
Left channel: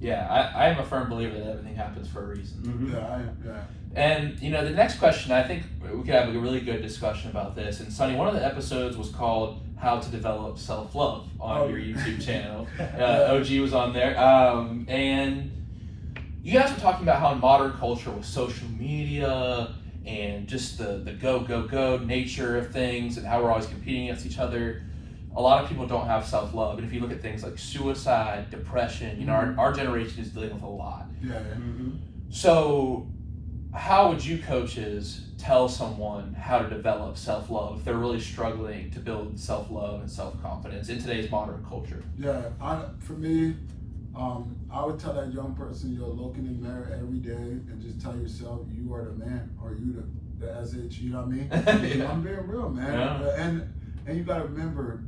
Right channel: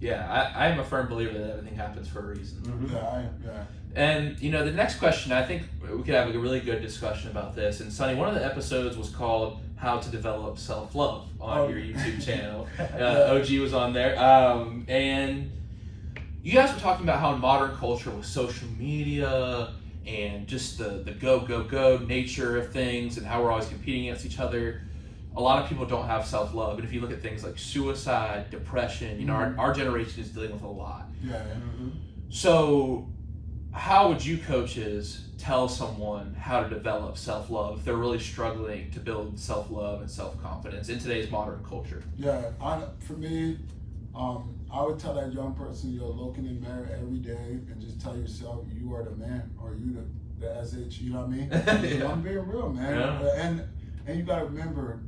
Yeah, I am a firm believer that everything happens for a reason. Yeah. And you know, the next question, I think we could have a really good discussion about this. And Sonny, one of the episodes was called "How to Develop Self-Love" on your YouTube channel. OG was on there, and you guys were talking about how in modern culture with social media and just the go nature of things and how we're always competing against each other, a lot of people don't have self-love. And if you look at things like suicide, depression, you know, our generation is dealing with a lot. Yeah. Mm-hmm. So how would you coaches tell someone how to develop self-love if they're really struggling to build self-love and self-confidence in today's modern culture? Yeah, for me, I would tell that young person, you're looking in the mirror every day and just tell yourself you are the man, or you the SH, you know what I mean? I'm being real, man. Yeah. And you gotta remember,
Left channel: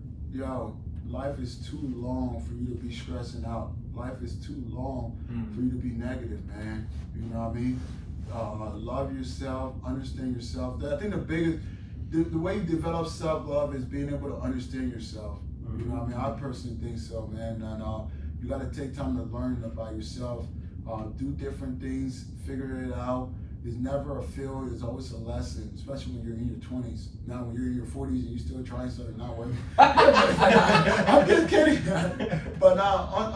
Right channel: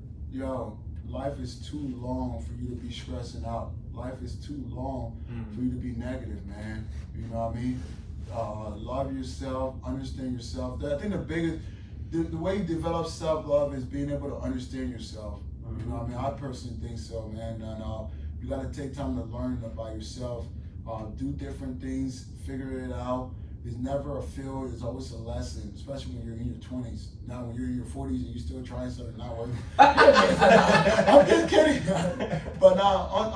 life is too long for you to be stressing out. Life is too long for you to be negative, man. You know what I mean? Love yourself, understand yourself. I think the way you develop self-love is being able to understand yourself. You know what I mean? I personally think so, man. And you got to take time to learn about yourself, do different things, figure it out. There's never a failure, there's always a lesson, especially when you're in your 20s. Now, when you're in your 40s and you're still trying something not working. I'm just kidding. But now, on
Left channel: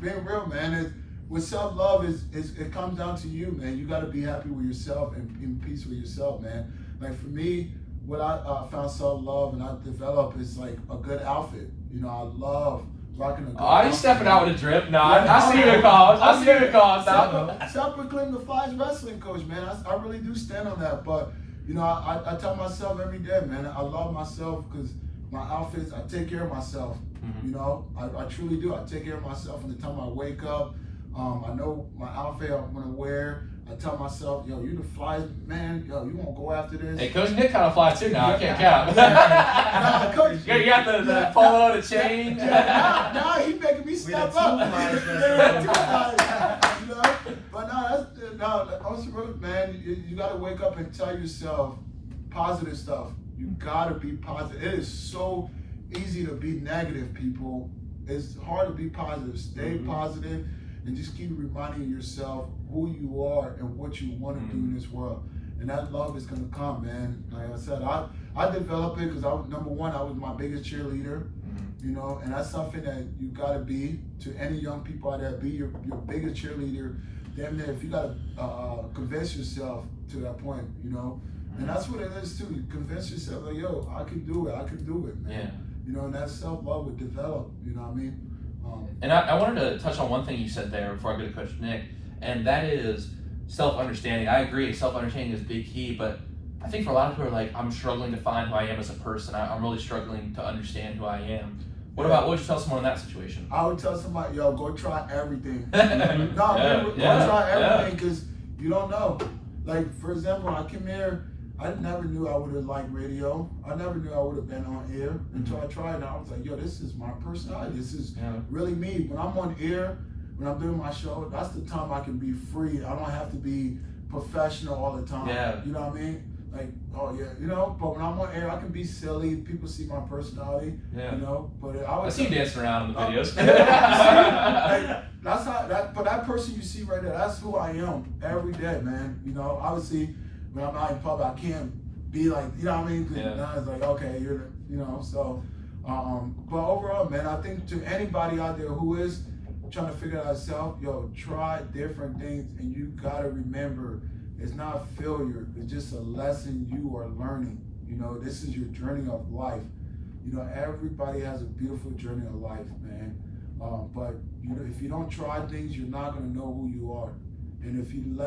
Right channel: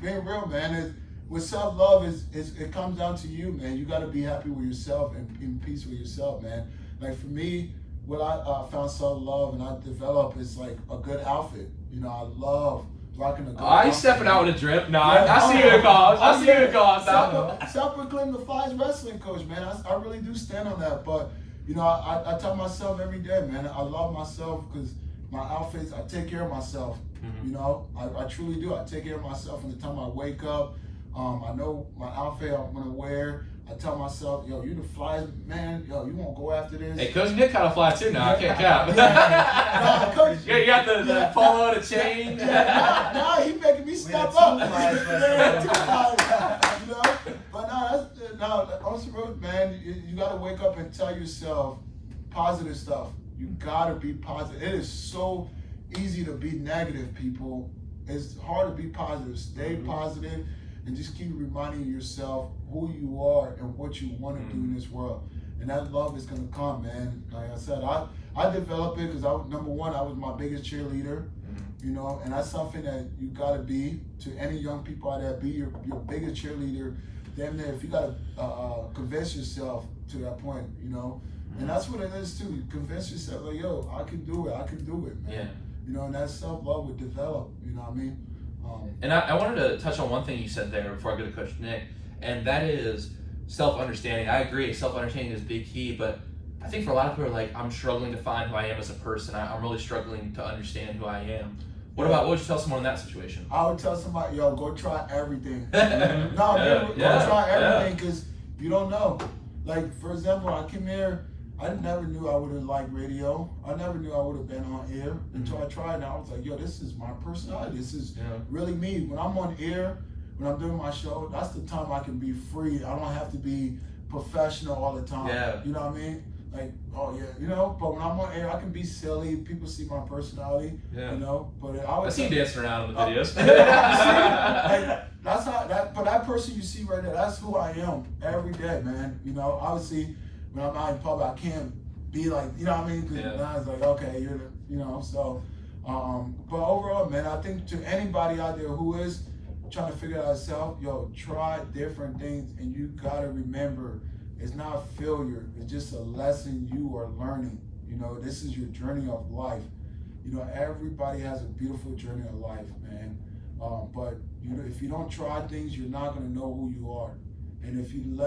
being real, man, with self-love, it comes down to you, man. You got to be happy with yourself and in peace with yourself, man. Like for me, what I found self-love and I developed is like a good outfit. You know, I love rocking a good outfit. He's stepping out with a drip. No, I see you in calls. I see you in calls now. Self-proclaimed the flyest wrestling coach, man. I really do stand on that. But, I tell myself every day, man, I love myself because my outfits, I take care of myself. I truly do. I take care of myself from the time I wake up. I know my outfit I'm gonna wear. I tell myself, you the flyest man. You won't go after this. Hey, Coach Nick kind of fly too now. I can't count. Nah, Coach. You got the polo, the chain. Nah, he making me step up. But honestly, man, you gotta wake up and tell yourself positive stuff. You gotta be positive. It is so easy to be negative, people. It's hard to be positive. Stay positive. And just keep reminding yourself who you are and what you want to do in this world. And that love is going to come, man. Like I said, I developed it because number one, I was my biggest cheerleader, and that's something that you got to be to any young people out there. Be your biggest cheerleader. Damn near, if you got to convince yourself to that point, And that's what it is too. You convince yourself, like, I can do it. I can do it, man. Yeah. And that self-love would develop, you know what I mean? And I wanted to touch on one thing you said there before I go to Coach Nick, and that is self-understanding. I agree, self-understanding is a big key, but I think for a lot of people are like, I'm struggling to find who I am as a person. I'm really struggling to understand who I am. What would you tell someone in that situation? I would tell somebody, go try everything. Go try everything because you don't know. Like, for example, I came here, I never knew I would have liked radio. I never knew I would have been on air until I tried it. I was like, this is my personality. This is really me. When I'm on air, when I'm doing my show, that's the time I can be free. I don't have to be professional all the time. Yeah. You know what I mean? Like, but when I'm on air, I can be silly. People see my personality, But I see you dancing around in the videos. But that person you see right there, that's who I am every day, man. Obviously, when I'm out in public, I can't be like, you know what I mean? Because now it's like, okay, so. But overall, man, I think to anybody out there who is trying to figure out yourself, try different things, and you gotta remember, it's not failure. It's just a lesson you are learning. This is your journey of life. Everybody has a beautiful journey of life, man. But if you don't try things, you're not gonna know who you are. And if you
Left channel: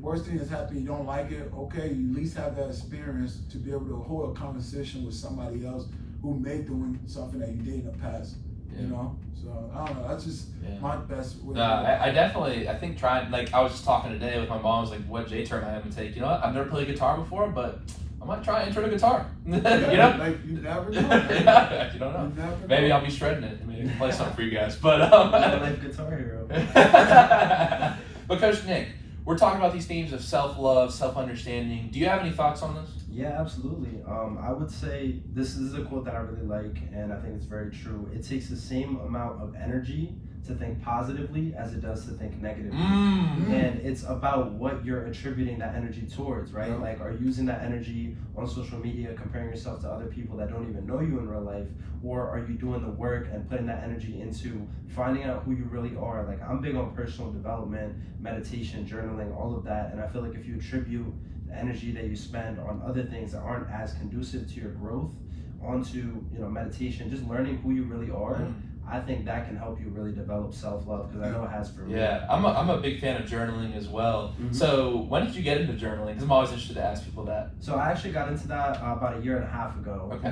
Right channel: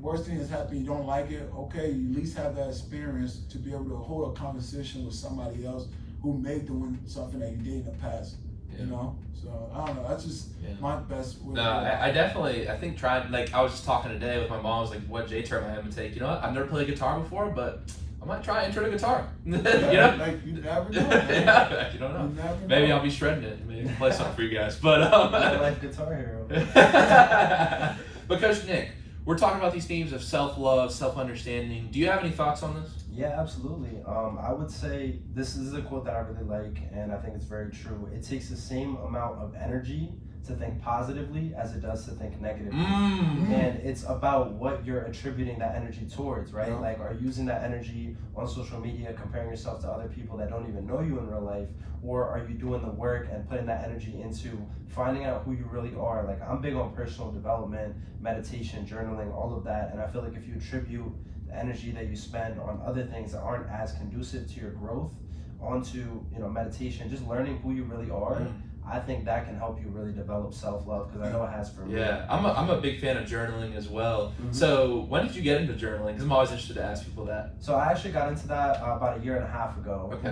worst thing that's happened, you don't like it, okay, you at least have that experience to be able to hold a conversation with somebody else who may doing something that you did in the past, So, I don't know, that's just my best way. No, I think trying, like, I was just talking today with my mom, I was like, what J-turn I am to take. I've never played guitar before, but I might try intro to guitar. Like, you never know. Yeah, you don't know. Maybe I'll be shredding it. Maybe play something for you guys. But, life guitar hero. But Coach Nick, we're talking about these themes of self-love, self-understanding. Do you have any thoughts on this? Yeah, absolutely. I would say this is a quote that I really like, and I think it's very true. It takes the same amount of energy to think positively as it does to think negatively. Mm. And it's about what you're attributing that energy towards, right? Yeah. Like, are you using that energy on social media, comparing yourself to other people that don't even know you in real life? Or are you doing the work and putting that energy into finding out who you really are? Like, I'm big on personal development, meditation, journaling, all of that. And I feel like if you attribute the energy that you spend on other things that aren't as conducive to your growth onto, you know, meditation, just learning who you really are, I think that can help you really develop self-love, because I know it has for me. Yeah, I'm a big fan of journaling as well. So when did you get into journaling? Because I'm always interested to ask people that. So I actually got into that about 1.5 years ago. Okay.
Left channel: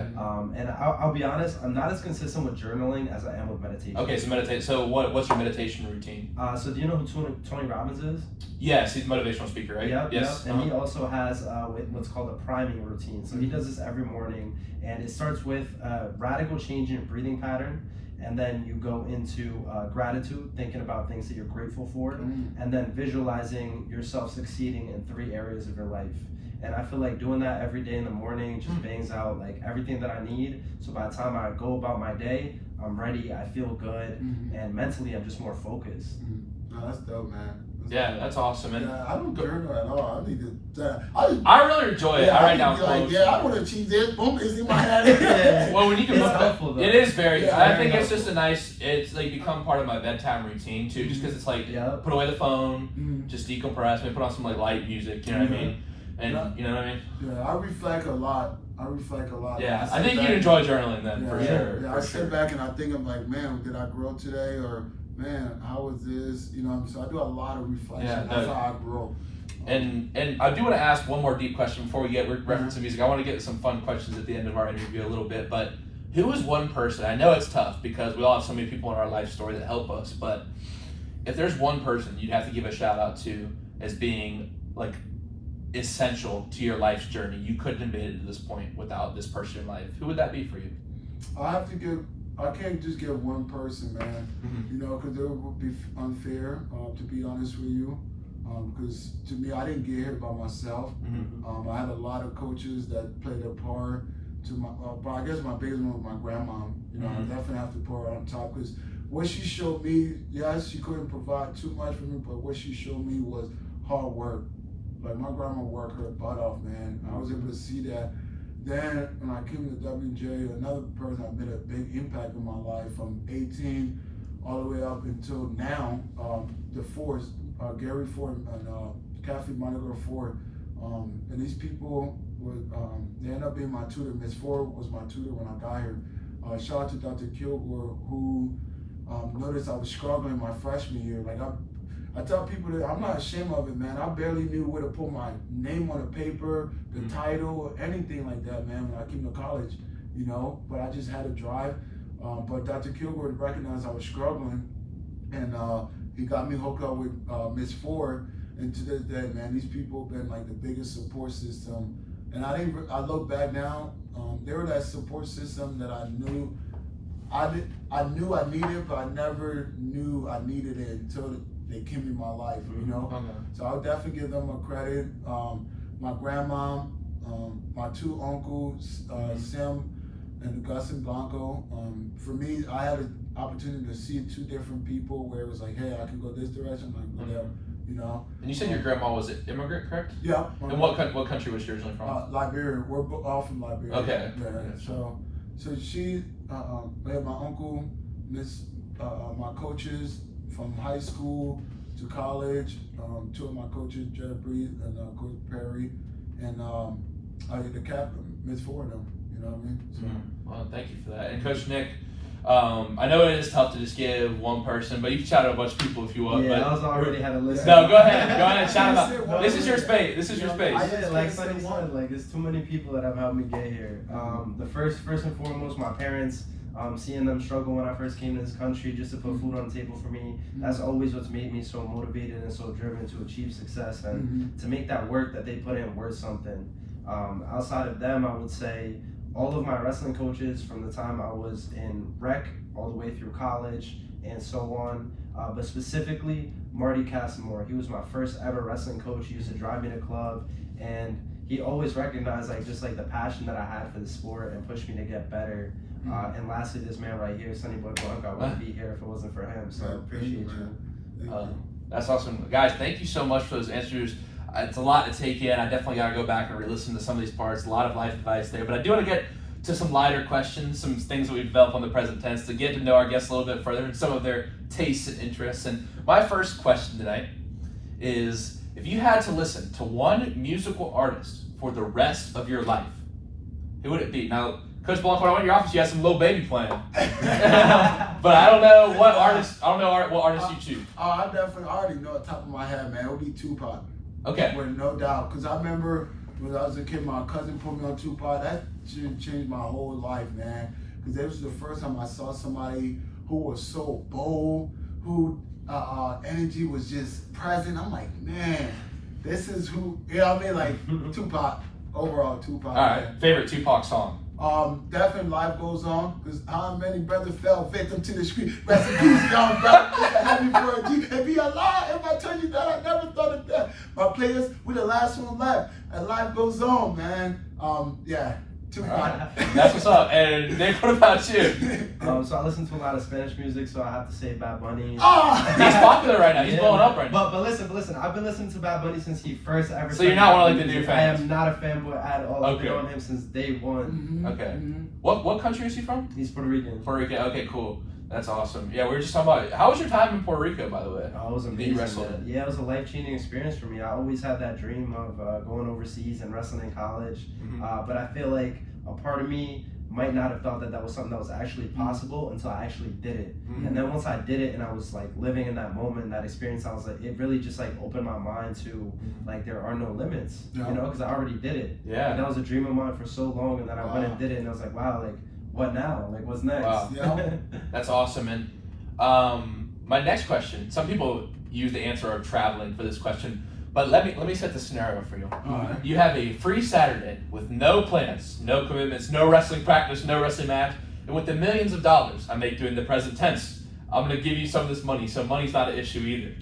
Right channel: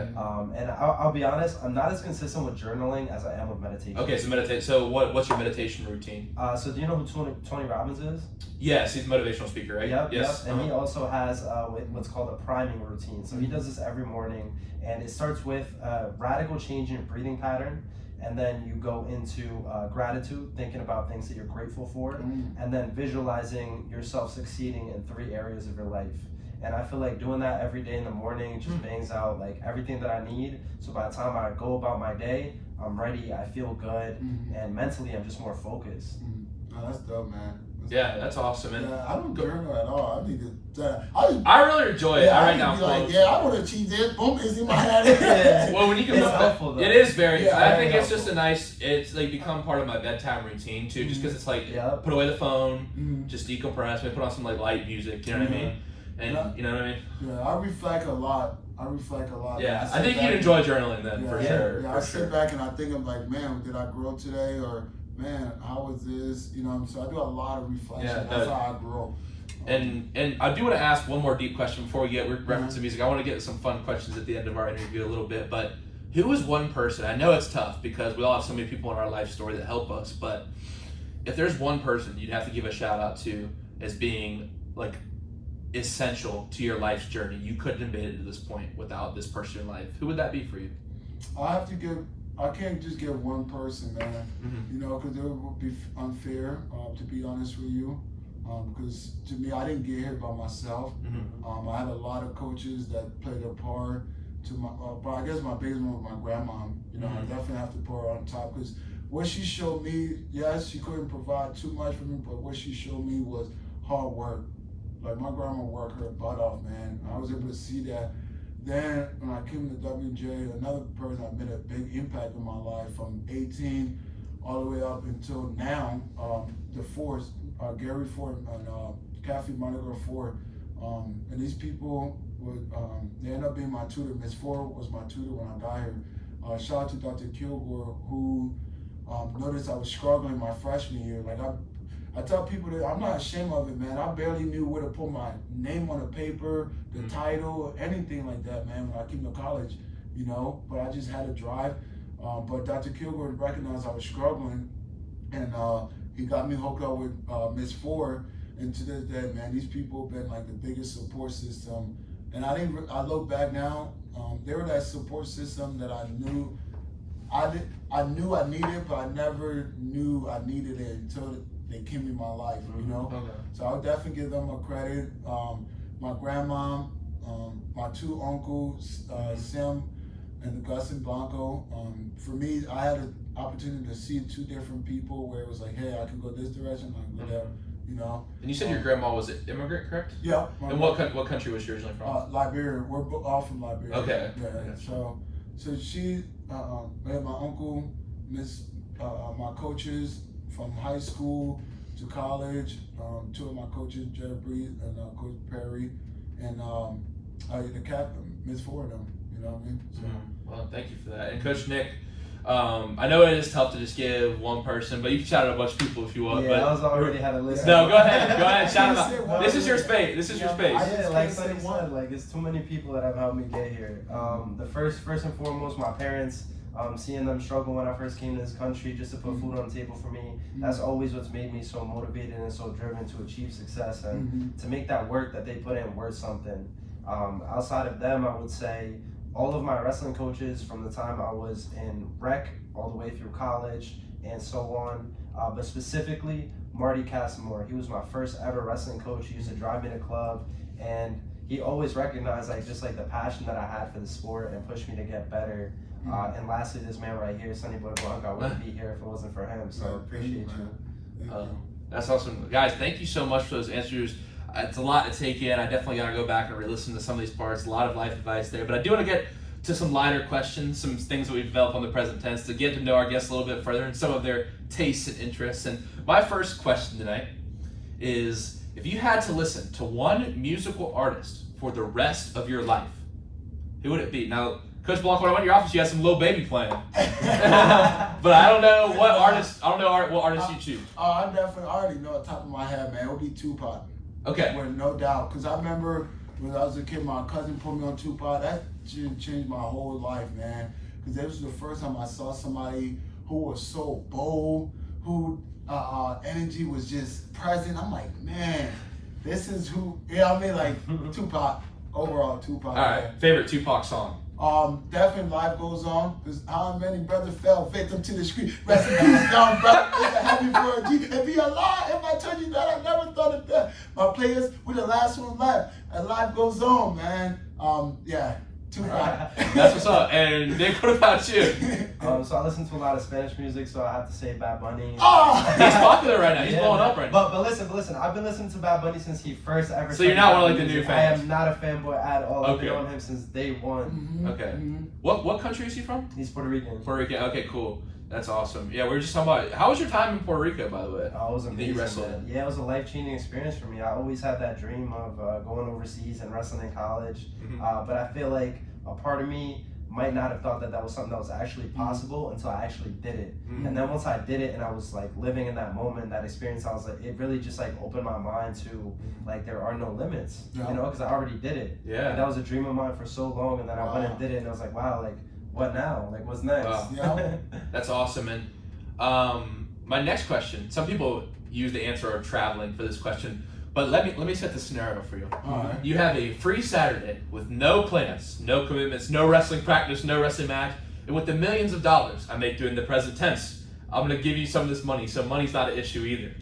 And I'll be honest, I'm not as consistent with journaling as I am with meditation. Okay, so meditate. So what's your meditation routine? So do you know who Tony Robbins is? Yes, he's a motivational speaker, right? Yep, Yes. yep. And he also has what's called a priming routine. So he does this every morning, and it starts with a radical change in your breathing pattern. And then you go into gratitude, thinking about things that you're grateful for, and then visualizing yourself succeeding in 3 areas of your life. And I feel like doing that every day in the morning just bangs out like everything that I need. So by the time I go about my day, I'm ready, I feel good, and mentally I'm just more focused. No, that's dope, man. That's awesome. And I don't journal at all. I need to. I really enjoy it. I write down quotes. I would achieve that. Boom, it's in my head. Well, when you can It's put helpful, though. it is very. It's I very think it's helpful. just a nice. It's like become part of my bedtime routine too, just because it's like put away the phone, just decompress, maybe put on some like light music. You know what I mean? And you know what I mean? Yeah, I reflect a lot. Yeah, I think you'd enjoy journaling then for sure. Yeah, for I sure. sit back and I think I'm like, man, did I grow today? Or man, how was this? You know, so I do a lot of reflection. Yeah, That's how I grow. And I do want to ask one more deep question before we get reference to music. I want to get to some fun questions at the end of our interview a little bit. But who is one person? I know it's tough because we all have so many people in our life story that help us. But if there's one person you'd have to give a shout out to as being like essential to your life's journey, you couldn't have made it to this point without this person in life, who would that be for you? I can't just give one person, man. You know, because it would be unfair, to be honest with you. Because to me, I didn't get here by myself. I had a lot of coaches that played a part to my, but I guess my biggest one was my grandma. You know, I definitely have to put her on top, because what she showed me, yes, she couldn't provide too much for me, but what she showed me was hard work. Like, my grandma worked her butt off, man. I was able to see that. Then when I came to WJ, another person that made a big impact in my life from 18 all the way up until now, the Force, Gary Ford and Kathy Monaco Ford. And these people would, they ended up being my tutor. Miss Ford was my tutor when I got here. Shout out to Dr. Kilgore, who noticed I was struggling my freshman year. Like, I tell people that I'm not ashamed of it, man. I barely knew where to put my name on the paper, the title, anything like that, man, when I came to college, you know, but I just had a drive. But Dr. Kilgore recognized I was struggling, and he got me hooked up with Miss Ford, and to this day, man, these people have been like the biggest support system. And I look back now, they were that support system that I knew I needed, but I never knew I needed it until they came in my life, you know? So I would definitely give them a credit. My grandma, my 2 uncles, Sim and Gus and Blanco. For me, I had an opportunity to see 2 different people where it was like, hey, I can go this direction, I can go that, you know? And you said your grandma was an immigrant, correct? Yeah. And what country was she originally from? Liberia. We're all from Liberia. Okay. Yeah. So she, I had my uncle, my coaches from high school to college, 2 of my coaches, Jared Breed and Coach Perry, and the captain, Miss Ford, you know what I mean? So, Well, thank you for that. And Coach Nick, I know it is tough to just give one person, but you can shout out a bunch of people if you want. Yeah, but I was already had a list. No, go ahead, shout them out. This is your space. Yeah, like Sonny said, like, there's too many people that have helped me get here. The first and foremost, my parents. Seeing them struggle when I first came to this country just to put food on the table for me, that's always what's made me so motivated and so driven to achieve success and to make that work that they put in worth something. Outside of them, I would say all of my wrestling coaches from the time I was in rec all the way through college and so on, but specifically Marty Casimore. He was my first ever wrestling coach. He used to drive me to club, and he he always recognized like just like the passion that I had for the sport and pushed me to get better. And lastly, this man right here, Sonny Boy Blanco, I wouldn't be here if it wasn't for him. So appreciate you. That's awesome, guys. Thank you so much for those answers. It's a lot to take in. I definitely got to go back and re-listen to some of these parts. A lot of life advice there, but I do want to get to some lighter questions, some things that we've developed on the present tense to get to know our guests a little bit further and some of their tastes and interests. And my first question today is, if you had to listen to one musical artist for the rest of your life, who would it be? Now, Coach Blanco, when I went to your office, you had some Lil Baby playing. But I don't know what artist. I don't know what artist you choose. I definitely already know at the top of my head, man. It would be Tupac. Okay. With no doubt, because I remember when I was a kid, my cousin put me on Tupac. That changed my whole life, man. Because it was the first time I saw somebody who was so bold, who energy was just present. I'm like, man, this is who. You know what I mean? Like Tupac. Overall, Tupac. All right. Favorite Tupac song? Definitely Life Goes On, because how many brothers fell victim to the street. Rest in peace, young brother. Happy for a G. And be alive. If I tell you that, I never thought of that. My players, we're the last one left. And life goes on, man. Yeah, Tupac. Right. That's what's up. And Nick, what about you? So I listen to a lot of Spanish music, so I have to say Bad Bunny. Oh! He's popular right now. He's blowing up right now. But listen. I've been listening to Bad Bunny since he first ever. So you're not one of like the new I fans? am not a fanboy at all. I've Okay. been on him since day one. Okay. What country is he from? He's Puerto Rican. Puerto Rican. Okay, cool. That's awesome. Yeah, we were just talking about. How was your time in Puerto Rico, by the way? Oh, it was Did you amazing. wrestle then? Yeah, it was a life-changing experience for me. I always had that dream of going overseas and wrestling in college. But I feel like a part of me might not have thought that that was something that was actually possible until I actually did it. And then once I did it and I was like living in that moment, that experience, I was like, it really just like opened my mind to like there are no limits, you know, because I already did it. Yeah. Like, that was a dream of mine for so long, and then I went and did it, and I was like, wow, like what now? Like what's next? Wow. You know? That's awesome. And my next question, some people use the answer of traveling for this question, but let me set the scenario for you. You have a free Saturday with no plans, no commitments, no wrestling practice, no wrestling match, and with the millions of dollars I make doing the present tense, I'm going to give you some of this money, so money's not an issue either.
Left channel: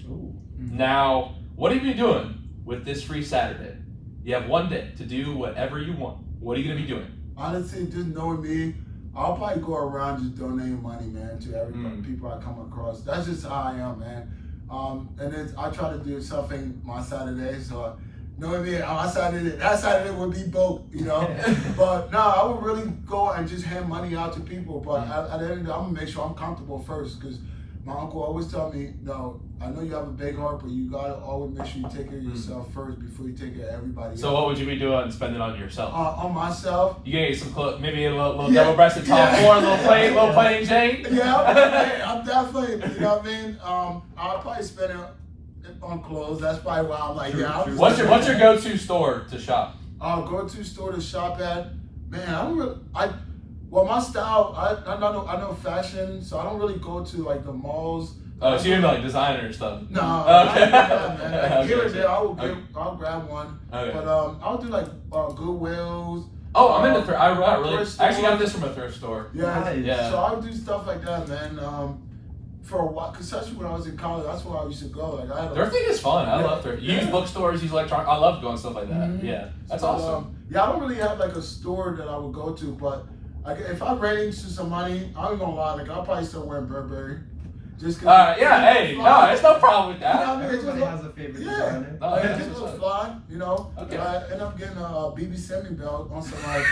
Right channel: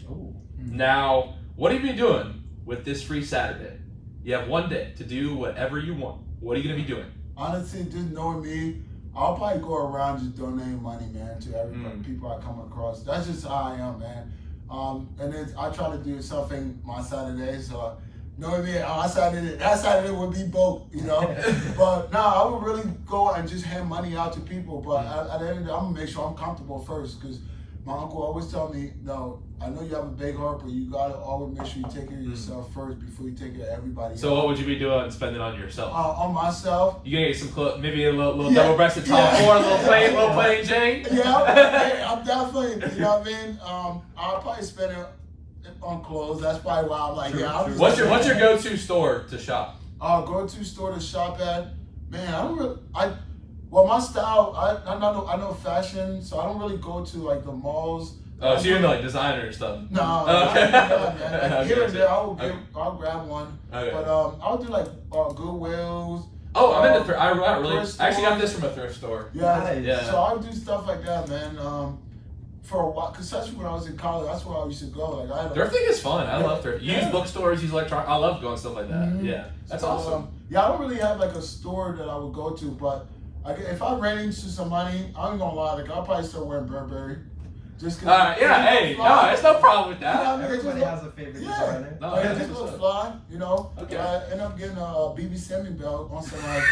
Now, what are you doing with this free Saturday? You have one day to do whatever you want. What are you going to be doing? Honestly, just knowing me, I'll probably go around just donating money, man, to everybody, people I come across. That's just how I am, man. And then I try to do something my Saturday, so knowing me, that Saturday would be broke, you know. But no, I would really go and just hand money out to people. But at the end of the day, I'm gonna make sure I'm comfortable first, because my uncle always tell me, no, I know you have a big heart, but you gotta always make sure you take care of yourself first before you take care of everybody So else. what would you be doing spending on yourself? On myself. You gonna get some maybe a little double-breasted top four, a little plain Jane? Yeah, I'm definitely, you know what I mean? I'll probably spend it on clothes. That's probably why I'm like, What's your go-to store to shop? Go-to store to shop at? Man, well, my style, I know fashion, so I don't really go to like the malls. Oh, so you're into like designer stuff? No, Okay. man. Here and there, I'll grab one. Okay. But I'll do like Goodwills. Oh, I'm into I actually got this from a thrift store. Yeah, Nice. Yeah. So I'll do stuff like that, man. For a while, because especially when I was in college, that's where I used to go. Like Thrifting is fun. I love thrift. You use bookstores, use electronic. I love going stuff like that. Yeah, that's So, awesome. Yeah, I don't really have like a store that I would go to, but if I ran into some money, I ain't gonna lie, like I'll probably still wear Burberry. Just cause Yeah, hey, no, there's no problem with that. You know what I mean? Everybody Just has a favorite yeah. designer. No, It yeah, just looks fly, you know. Okay. I end up getting a BB Semi belt on some like.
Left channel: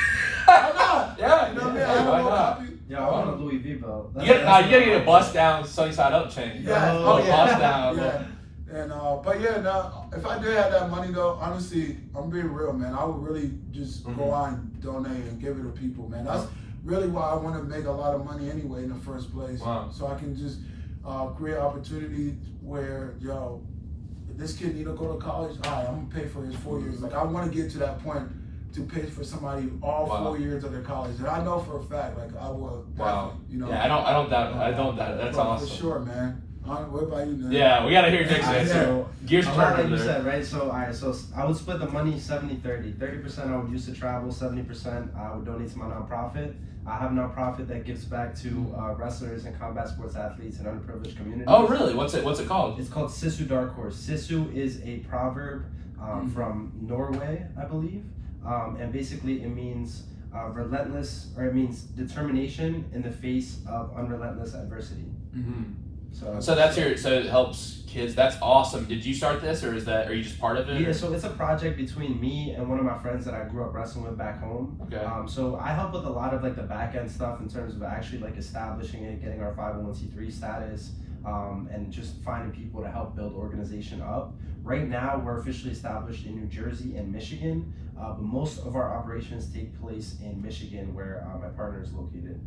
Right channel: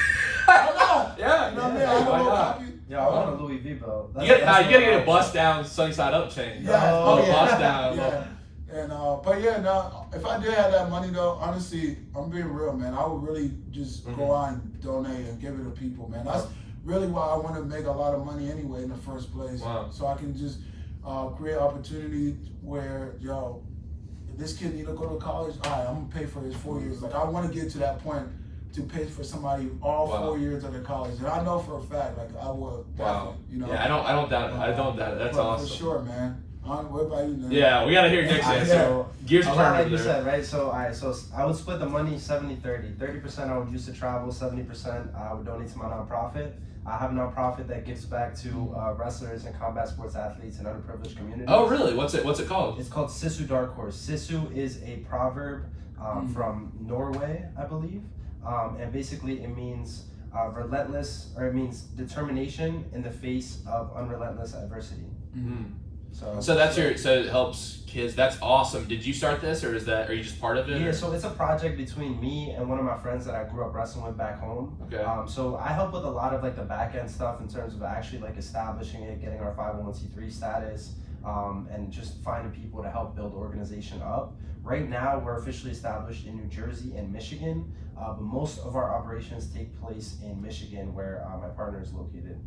Why not? Yeah, You know what I mean? yeah, I why don't not? know. Yo, I want a Louis V belt. You gotta get a bust down, sunny side up chain. Yeah. A little bust down. Yeah. And but yeah, now if I did have that money though, honestly, I'm being real, man. I would really just go out and donate and give it to people, man. That's really why I want to make a lot of money anyway in the first place. Wow. So I can just create opportunity where, yo, if this kid need to go to college, all right, I'm gonna pay for his 4 years. Like I want to get to that point to pay for somebody all 4 years of their college, and I know for a fact, like I would. Wow. You know. Yeah, I don't doubt it. I don't doubt it. That's Well, awesome. For sure, man. What about you, man? Yeah, we gotta hear Nick's answer. So, Gears a lot like turning you there. said, right? So I would split the money 70-30. 30% I would use to travel, 70% I would donate to my nonprofit. I have a nonprofit that gives back to wrestlers and combat sports athletes and underprivileged communities. Oh, really? What's it called? It's called Sisu Dark Horse. Sisu is a proverb from Norway, I believe. And basically it means relentless, or it means determination in the face of unrelentless adversity. So that's so it helps kids. That's awesome. Did you start this, or are you just part of it? Yeah, so it's a project between me and one of my friends that I grew up wrestling with back home. Okay. So I help with a lot of like the back end stuff in terms of actually like establishing it, getting our 501c3 status, and just finding people to help build organization up. Right now, we're officially established in New Jersey and Michigan, but most of our operations take place in Michigan, where my partner is located.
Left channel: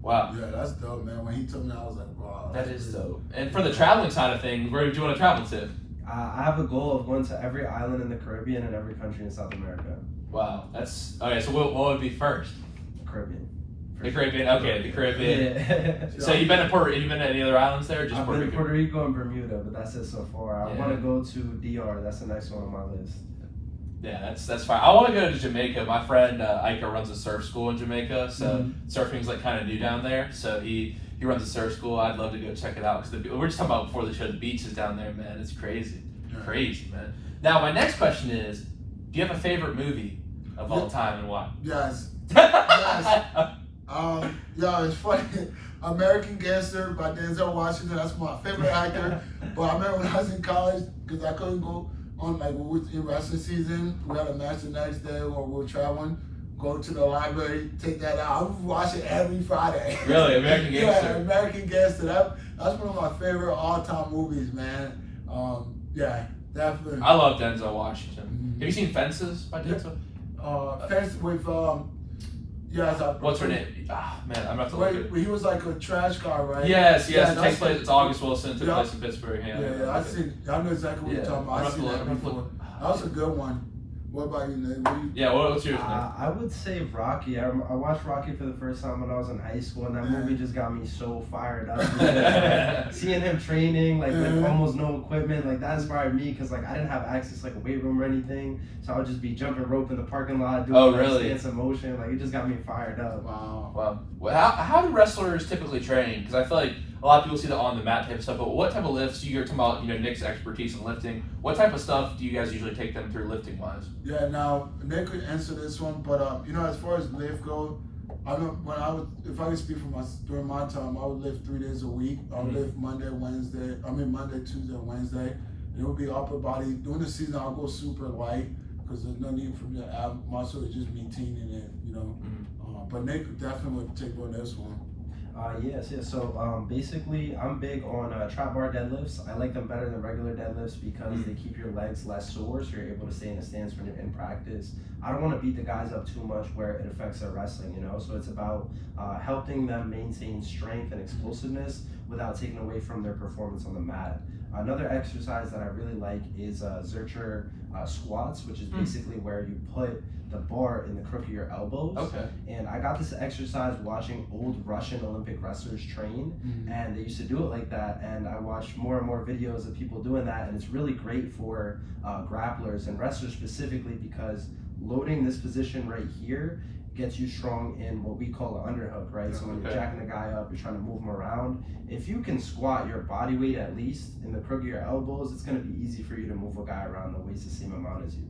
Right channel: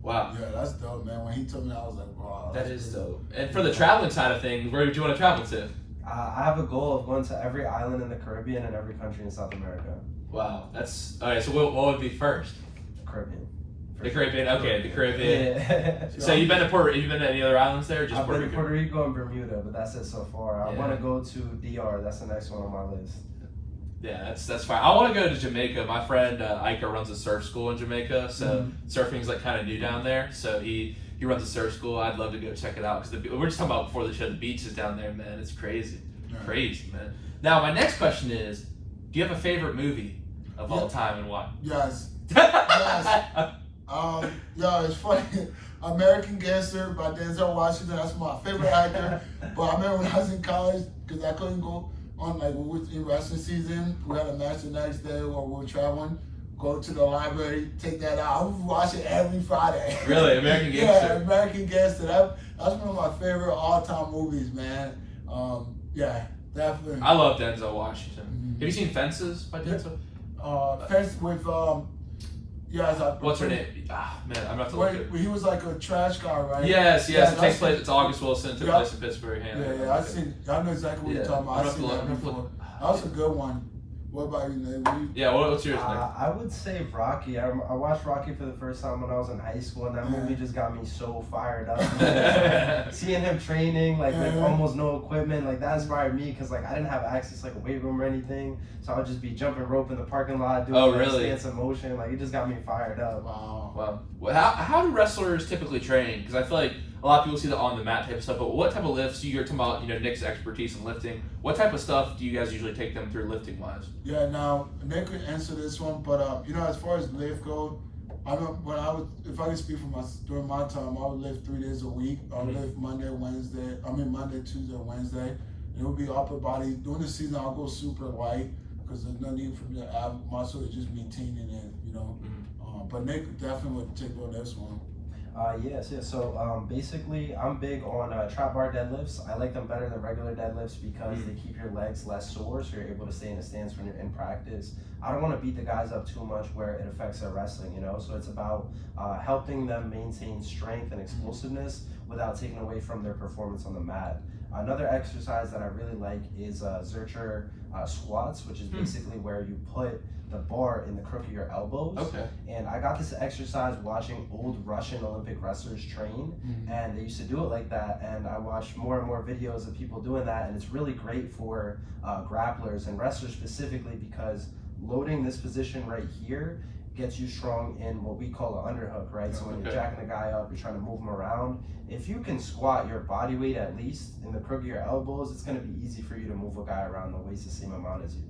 Wow. Yeah, that's dope, man. When he told me, I was like, wow. That is dope. And for the traveling side of things, where do you want to travel to? I have a goal of going to every island in the Caribbean and every country in South America. Wow, that's all right. So what would be first? Caribbean. The Caribbean. Okay, the Caribbean. Yeah. So you've been to Have you been to any other islands there? Or just I've Puerto been to Rico? Puerto Rico and Bermuda, but that's it so far. I Yeah. want to go to DR. That's the next one on my list. Yeah, that's fine. I want to go to Jamaica. My friend Ika runs a surf school in Jamaica, so surfing's like kind of new down there. So he runs a surf school. I'd love to go check it out because we're just talking about before the show. The beaches down there, man, it's crazy, crazy, man. Now my next question is, do you have a favorite movie of all time and why? Yes. Yes. Yeah, it's funny. American Gangster by Denzel Washington. That's my favorite actor. But I remember when I was in college, because I couldn't go on, like, we were in wrestling season. We had a match the next day where we were traveling. Go to the library, take that out. I would watch it every Friday. Really? American Gangster? Yeah, American Gangster. That's one of my favorite all-time movies, man. Yeah, definitely. I love Denzel Washington. Have you seen Fences by Denzel? Fence with What's her name? Ah, man, I'm about to look at. He was like a trash car, right? Yes. Yeah, It takes place. It's August Wilson. Took Yeah. place in Pittsburgh. Yeah, I know exactly what you're talking about. I seen that before. That was a good one. What about you, Nate? Yeah, what's yours, Nick? I would say Rocky. I watched Rocky for the first time when I was in high school, and that movie just got me so fired up. Seeing him training, like with almost no equipment, like that inspired me because like I didn't have access to like a weight room or anything, so I would just be jumping rope in the parking lot, doing stance in motion. Like it just got me fired up. Wow. Well, how do wrestlers typically train? Because I feel like a lot of people see the on the mat type of stuff, but what type of lifts? You're talking about, Nick's expertise in lifting. What type of stuff do you guys usually take them through lifting wise? Yeah, now Nick could answer this one, but as far as lift go, I know if I could speak during my time, I would lift 3 days a week. I would lift Monday, Tuesday, Wednesday. And it would be upper body. During the season, I'll go super light because there's no need for me to add muscle. It's just me teaming it, But Nick definitely would take on this one. Yes. So basically, I'm big on trap bar deadlifts. I like them better than regular deadlifts because they keep your legs less sore, so you're able to stay in a stance when you're in practice. I don't want to beat the guys up too much where it affects their wrestling, So it's about helping them maintain strength and explosiveness without taking away from their performance on the mat. Another exercise that I really like is Zercher squats, which is basically where you put the bar in the crook of your elbows. Okay. And I got this exercise watching old Russian Olympic wrestlers train, and they used to do it like that. And I watched more and more videos of people doing that, and it's really great for grapplers and wrestlers specifically because loading this position right here gets you strong in what we call an underhook, right? So when you're jacking the guy up, you're trying to move him around. If you can squat your body weight at least in the crook of your elbows, it's going to be easy for you to move a guy around the waist the same amount as you.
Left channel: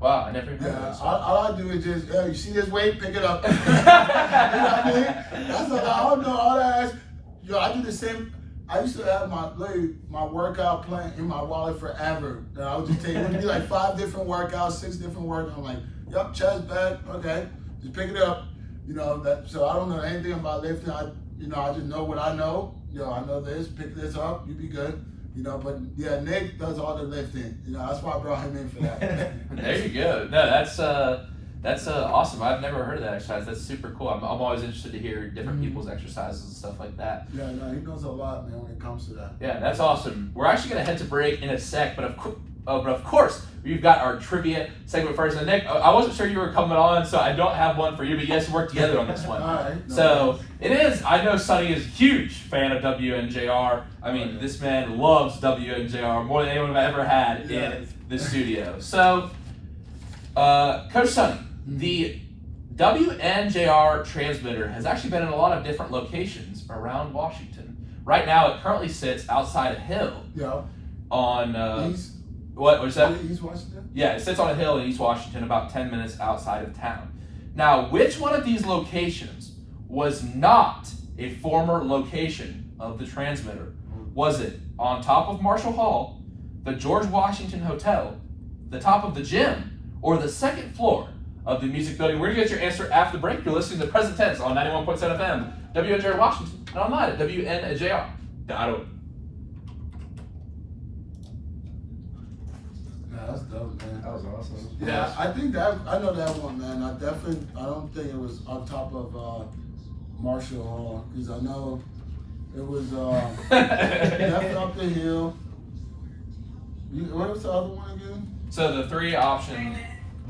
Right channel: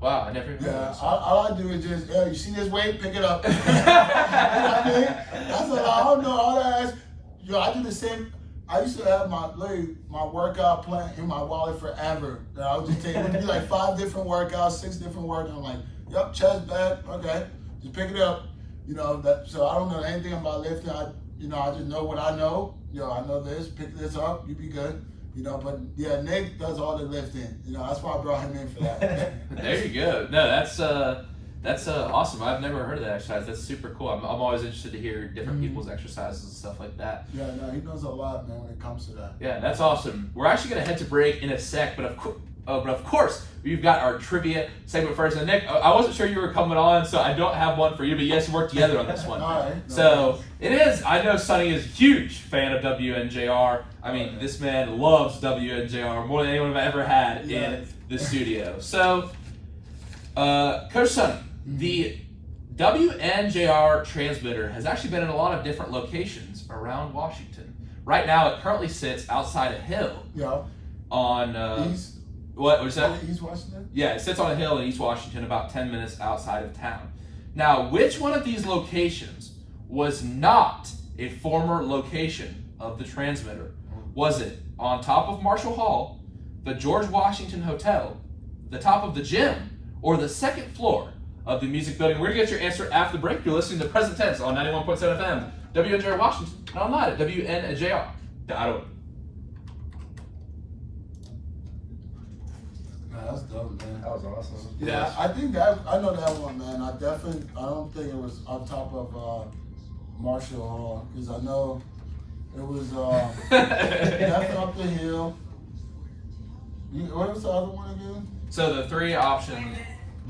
Wow, I never. All I do is just, you see this weight, pick it up. You know what I mean? I don't know all that. I do the same. I used to have my workout plan in my wallet forever. I would just take, it would be like 5 different workouts, 6 different workouts. I'm like, yep, chest, back, okay, just pick it up. So I don't know anything about lifting. I just know what I know. I know this, pick this up, you be good. But yeah, Nick does all the lifting. That's why I brought him in for that. There you go. No, that's awesome. I've never heard of that exercise. That's super cool. I'm always interested to hear different people's exercises and stuff like that. Yeah, no, he knows a lot, man, when it comes to that. Yeah, that's awesome. We're actually gonna head to break in a sec, but of course, we've got our trivia segment first. And Nick, I wasn't sure you were coming on, so I don't have one for you, but you guys work together on this one. All right. So it is. I know Sonny is a huge fan of WNJR. I mean, this man loves WNJR more than anyone I've ever had in the studio. So, Coach Sonny, the WNJR transmitter has actually been in a lot of different locations around Washington. Right now, it currently sits outside of Hill on What was that? East Washington? Yeah, it sits on a hill in East Washington, about 10 minutes outside of town. Now, which one of these locations was not a former location of the transmitter? Was it on top of Marshall Hall, the George Washington Hotel, the top of the gym, or the second floor of the music building? We're going to get your answer after the break. You're listening to Present Tense on 91.7 FM, WNJR Washington, and online at WNJR.org. That's dope, man. That was awesome. Yeah, I think that I know that one, man. I don't think it was on top of Marshall Hall, because I know it was definitely up the hill. What was the other one again? So the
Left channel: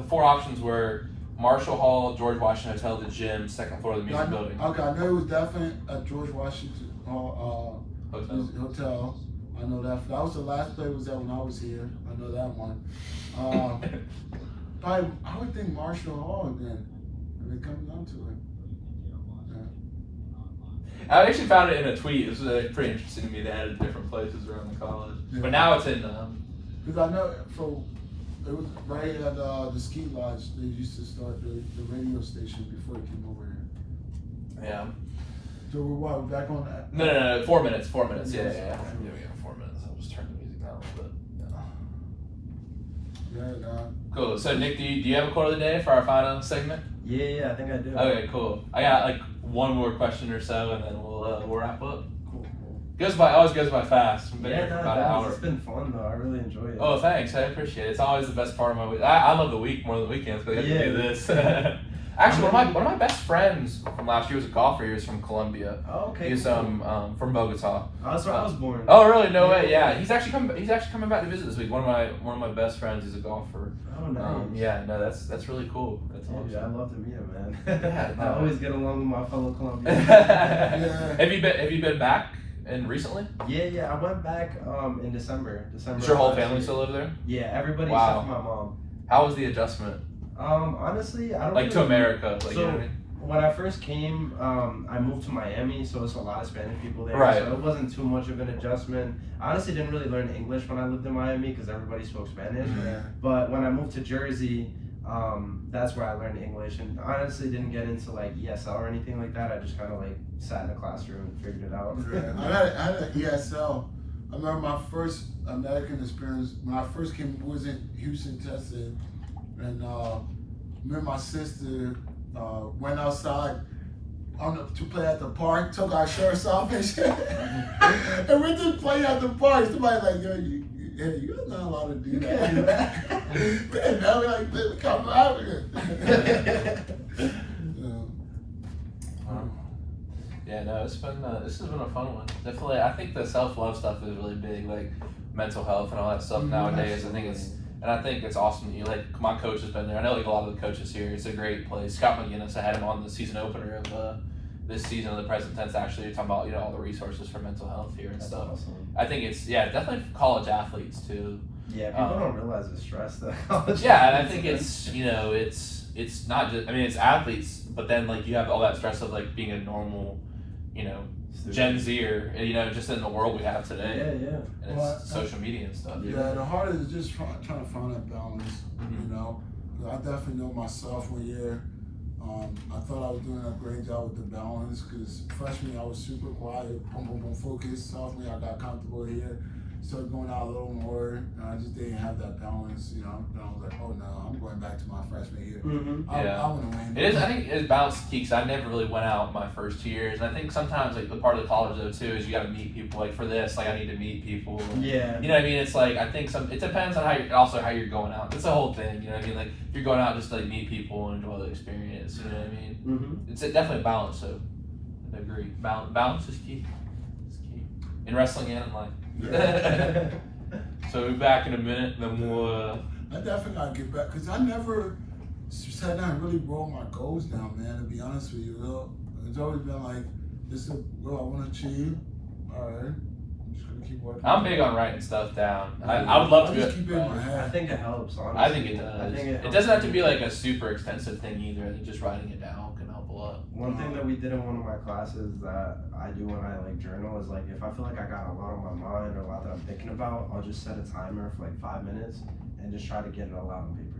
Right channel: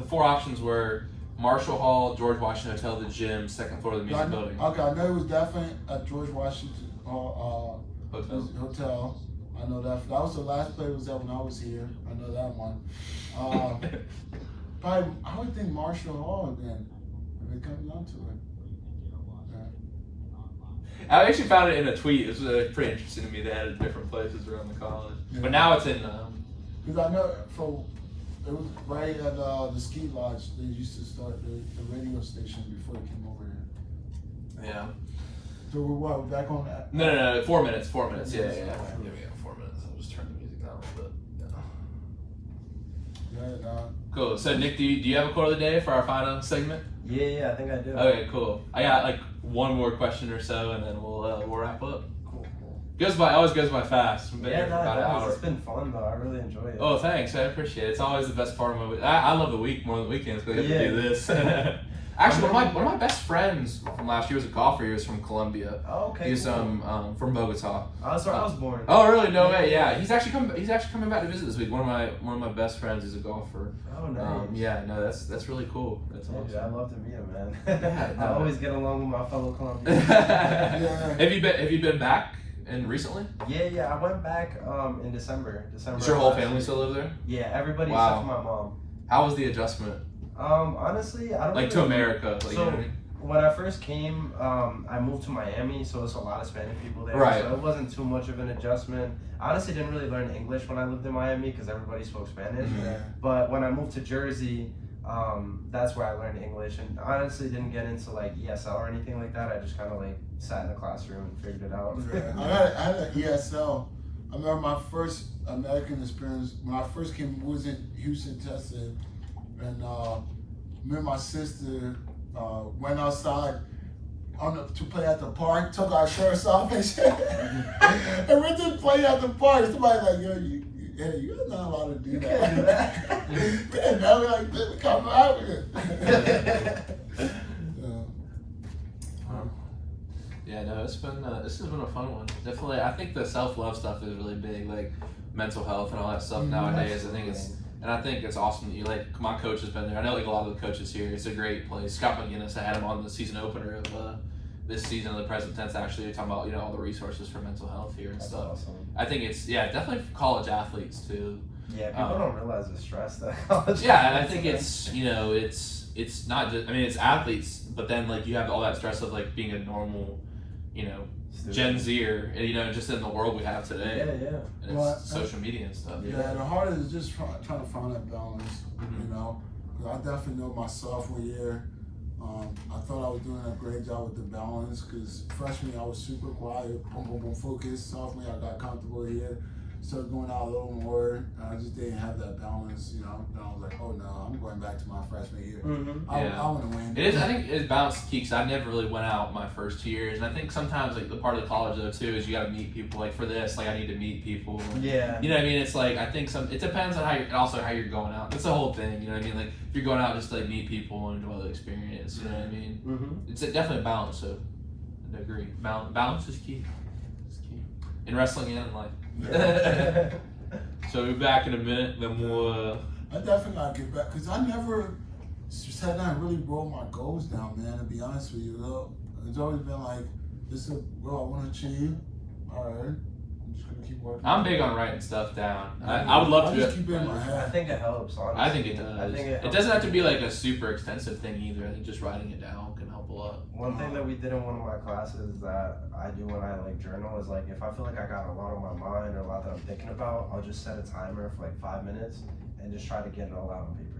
four options were Marshall Hall, George Washington Hotel, the gym, second floor of the music building. Okay, I know it was definitely at George Washington Hotel. I know that. That was the last place was at when I was here. I know that one. Probably, I would think Marshall Hall again. I mean, coming down to it. I actually found it in a tweet. It was pretty interesting to me. They had it in different places around the college, but now it's in. Because I know it was right at the ski lodge. They used to start the radio station before it came over here. Yeah. So we're back on that? No. 4 minutes. 4 minutes. Yeah. We got 4 minutes. I'll just turn the music down a little bit. Yeah. Cool. So Nick, do you have a quote of the day for our final segment? Yeah, I think I do. Okay, cool. I got like one more question or so, and then we'll wrap up. Always goes by fast. I've been here for about an hour. It's been fun though. I really enjoyed it. Oh, thanks. I appreciate it. It's always the best part of my week. I love the week more than the weekends because I get to do this. Actually, one of my best friends from last year was a golfer. He was from Colombia. Oh, okay. He's from Bogota. That's where I was born. Oh, really? No way. Yeah, he's actually coming back to visit this week. One of my best friends is a golfer. Oh, nice. That's really cool. That's awesome. Dude, I'd love to meet him, man. Yeah, I always get along with my fellow Colombians. Have you been back recently? Yeah. I went back in December. Does your whole family still live there? Yeah, everybody Wow. except for my mom. How was the adjustment? Honestly, I don't like to America. Like, so you know what I mean? when I first came, I moved to Miami, so there's a lot of Spanish people there. Right. So it wasn't too much of an adjustment. I honestly didn't really learn English when I lived in Miami because everybody spoke Spanish. Mm-hmm. But when I moved to Jersey, that's where I learned English, and honestly didn't get into like ESL or anything like that. I just kind of like sat in the classroom and figured it out. I had an ESL. I remember my first American experience when I first came was in Houston, Texas, and me and my sister went outside to play at the park, took our shirts off and shit, and we just play at the park. Somebody like, yo, you're not allowed to do that. And I was like, come out with it. Yeah, no, this has been a fun one. Definitely, I think the self-love stuff is really big, like mental health and all that stuff nowadays. I think it's awesome that you my coach has been there. I know like a lot of the coaches here. It's a great place. Scott McGinnis, I had him on the season opener of this season of the Present Tense. Actually, talking about all the resources for mental health here and stuff. Awesome. I think it's definitely for college athletes too. Yeah, people don't realize the stress that college. Yeah, and I think it's it's not just it's athletes, but then you have all that stress of being a normal Gen Zer, just in the world we have today. Yeah. And it's social media and stuff. Yeah, the hardest is just trying to find that balance. I definitely know my sophomore year. I thought I was doing a great job with the balance because freshman year I was super quiet, boom, focused. Sophomore year I got comfortable here, started going out a little more. I just didn't have that balance, Then I was like, oh no, I'm going back to my freshman year. I want to win. It is. I think it's balance key because I never really went out my first 2 years, and I think sometimes the part of the college though too is you got to meet people. For this, I need to meet people. Yeah. You know what I mean? It's I think it depends on how you're going out. It's the whole thing. You know what I mean? If you're going out just to meet people and enjoy the experience. You know what I mean? Mm-hmm. It's definitely a balance. So I agree. Balance is key. It's key in wrestling and in life. Yeah. So we'll be back in a minute. Then we'll. I definitely gotta get back because I never sat down and really wrote my goals down, man. To be honest with you, it's always been this is what I want to achieve. All right, I'm just gonna keep working. I'm big on writing stuff down. I would love to. Just keep it in my head. I think it helps. Honestly. I think it does. I think it doesn't have to be a super extensive thing either. I think just writing it down can help a lot. One thing that we did in one of my classes that I do when I like journal is like if I feel like I got a lot on my mind or a lot that I'm thinking about, I'll just set a timer for like 5 minutes and just try to get it all out on paper.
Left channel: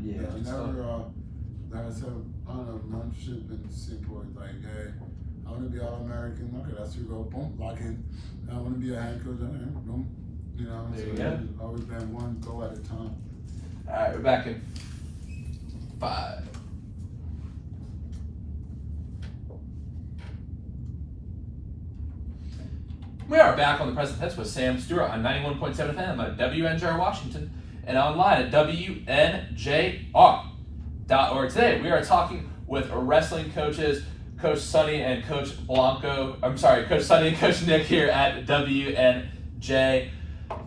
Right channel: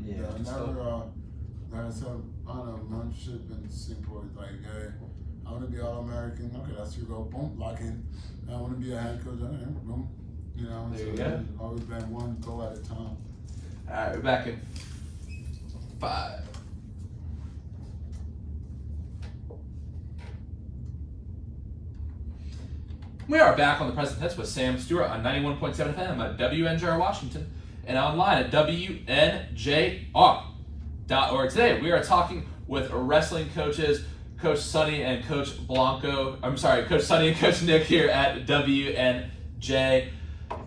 Yeah, never said I don't know, mentorship been simple. It's like, hey, I want to be all American. Okay, that's your goal. Boom, lock in. I want to be a head coach. Okay, boom. You know, there so you go. always been one goal at a time. All right, we're back in 5. We are back on the Present Tense with Sam Stewart on 91.7 FM at WNJR Washington and online at WNJR.org. Today we are talking with wrestling coaches, Coach Sonny and Coach Coach Sonny and Coach Nick here at WNJ.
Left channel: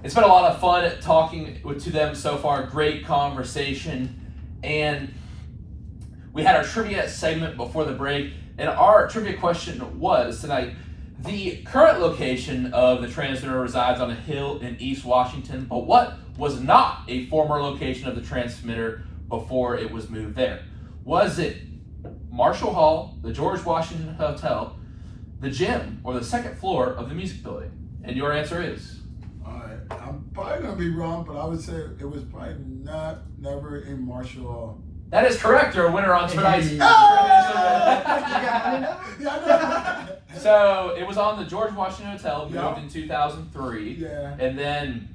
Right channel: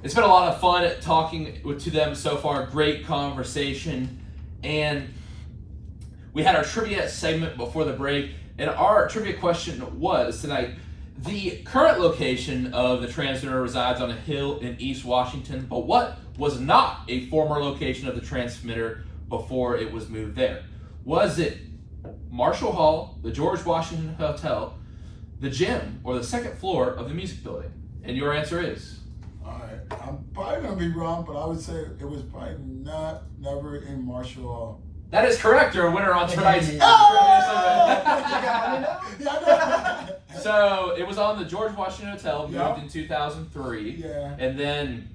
It's been a lot of fun talking to them so far. Great conversation. And we had our trivia segment before the break. And our trivia question was tonight, the current location of the transmitter resides on a hill in East Washington, but what was not a former location of the transmitter before it was moved there? Was it Marshall Hall, the George Washington Hotel, the gym, or the second floor of the music building? And your answer is? Alright, I'm probably going to be wrong, but I would say it was probably never in Marshall Hall. That is correct. You're a winner on tonight's trivia segment. So it was on the George Washington Hotel, moved in 2003, and then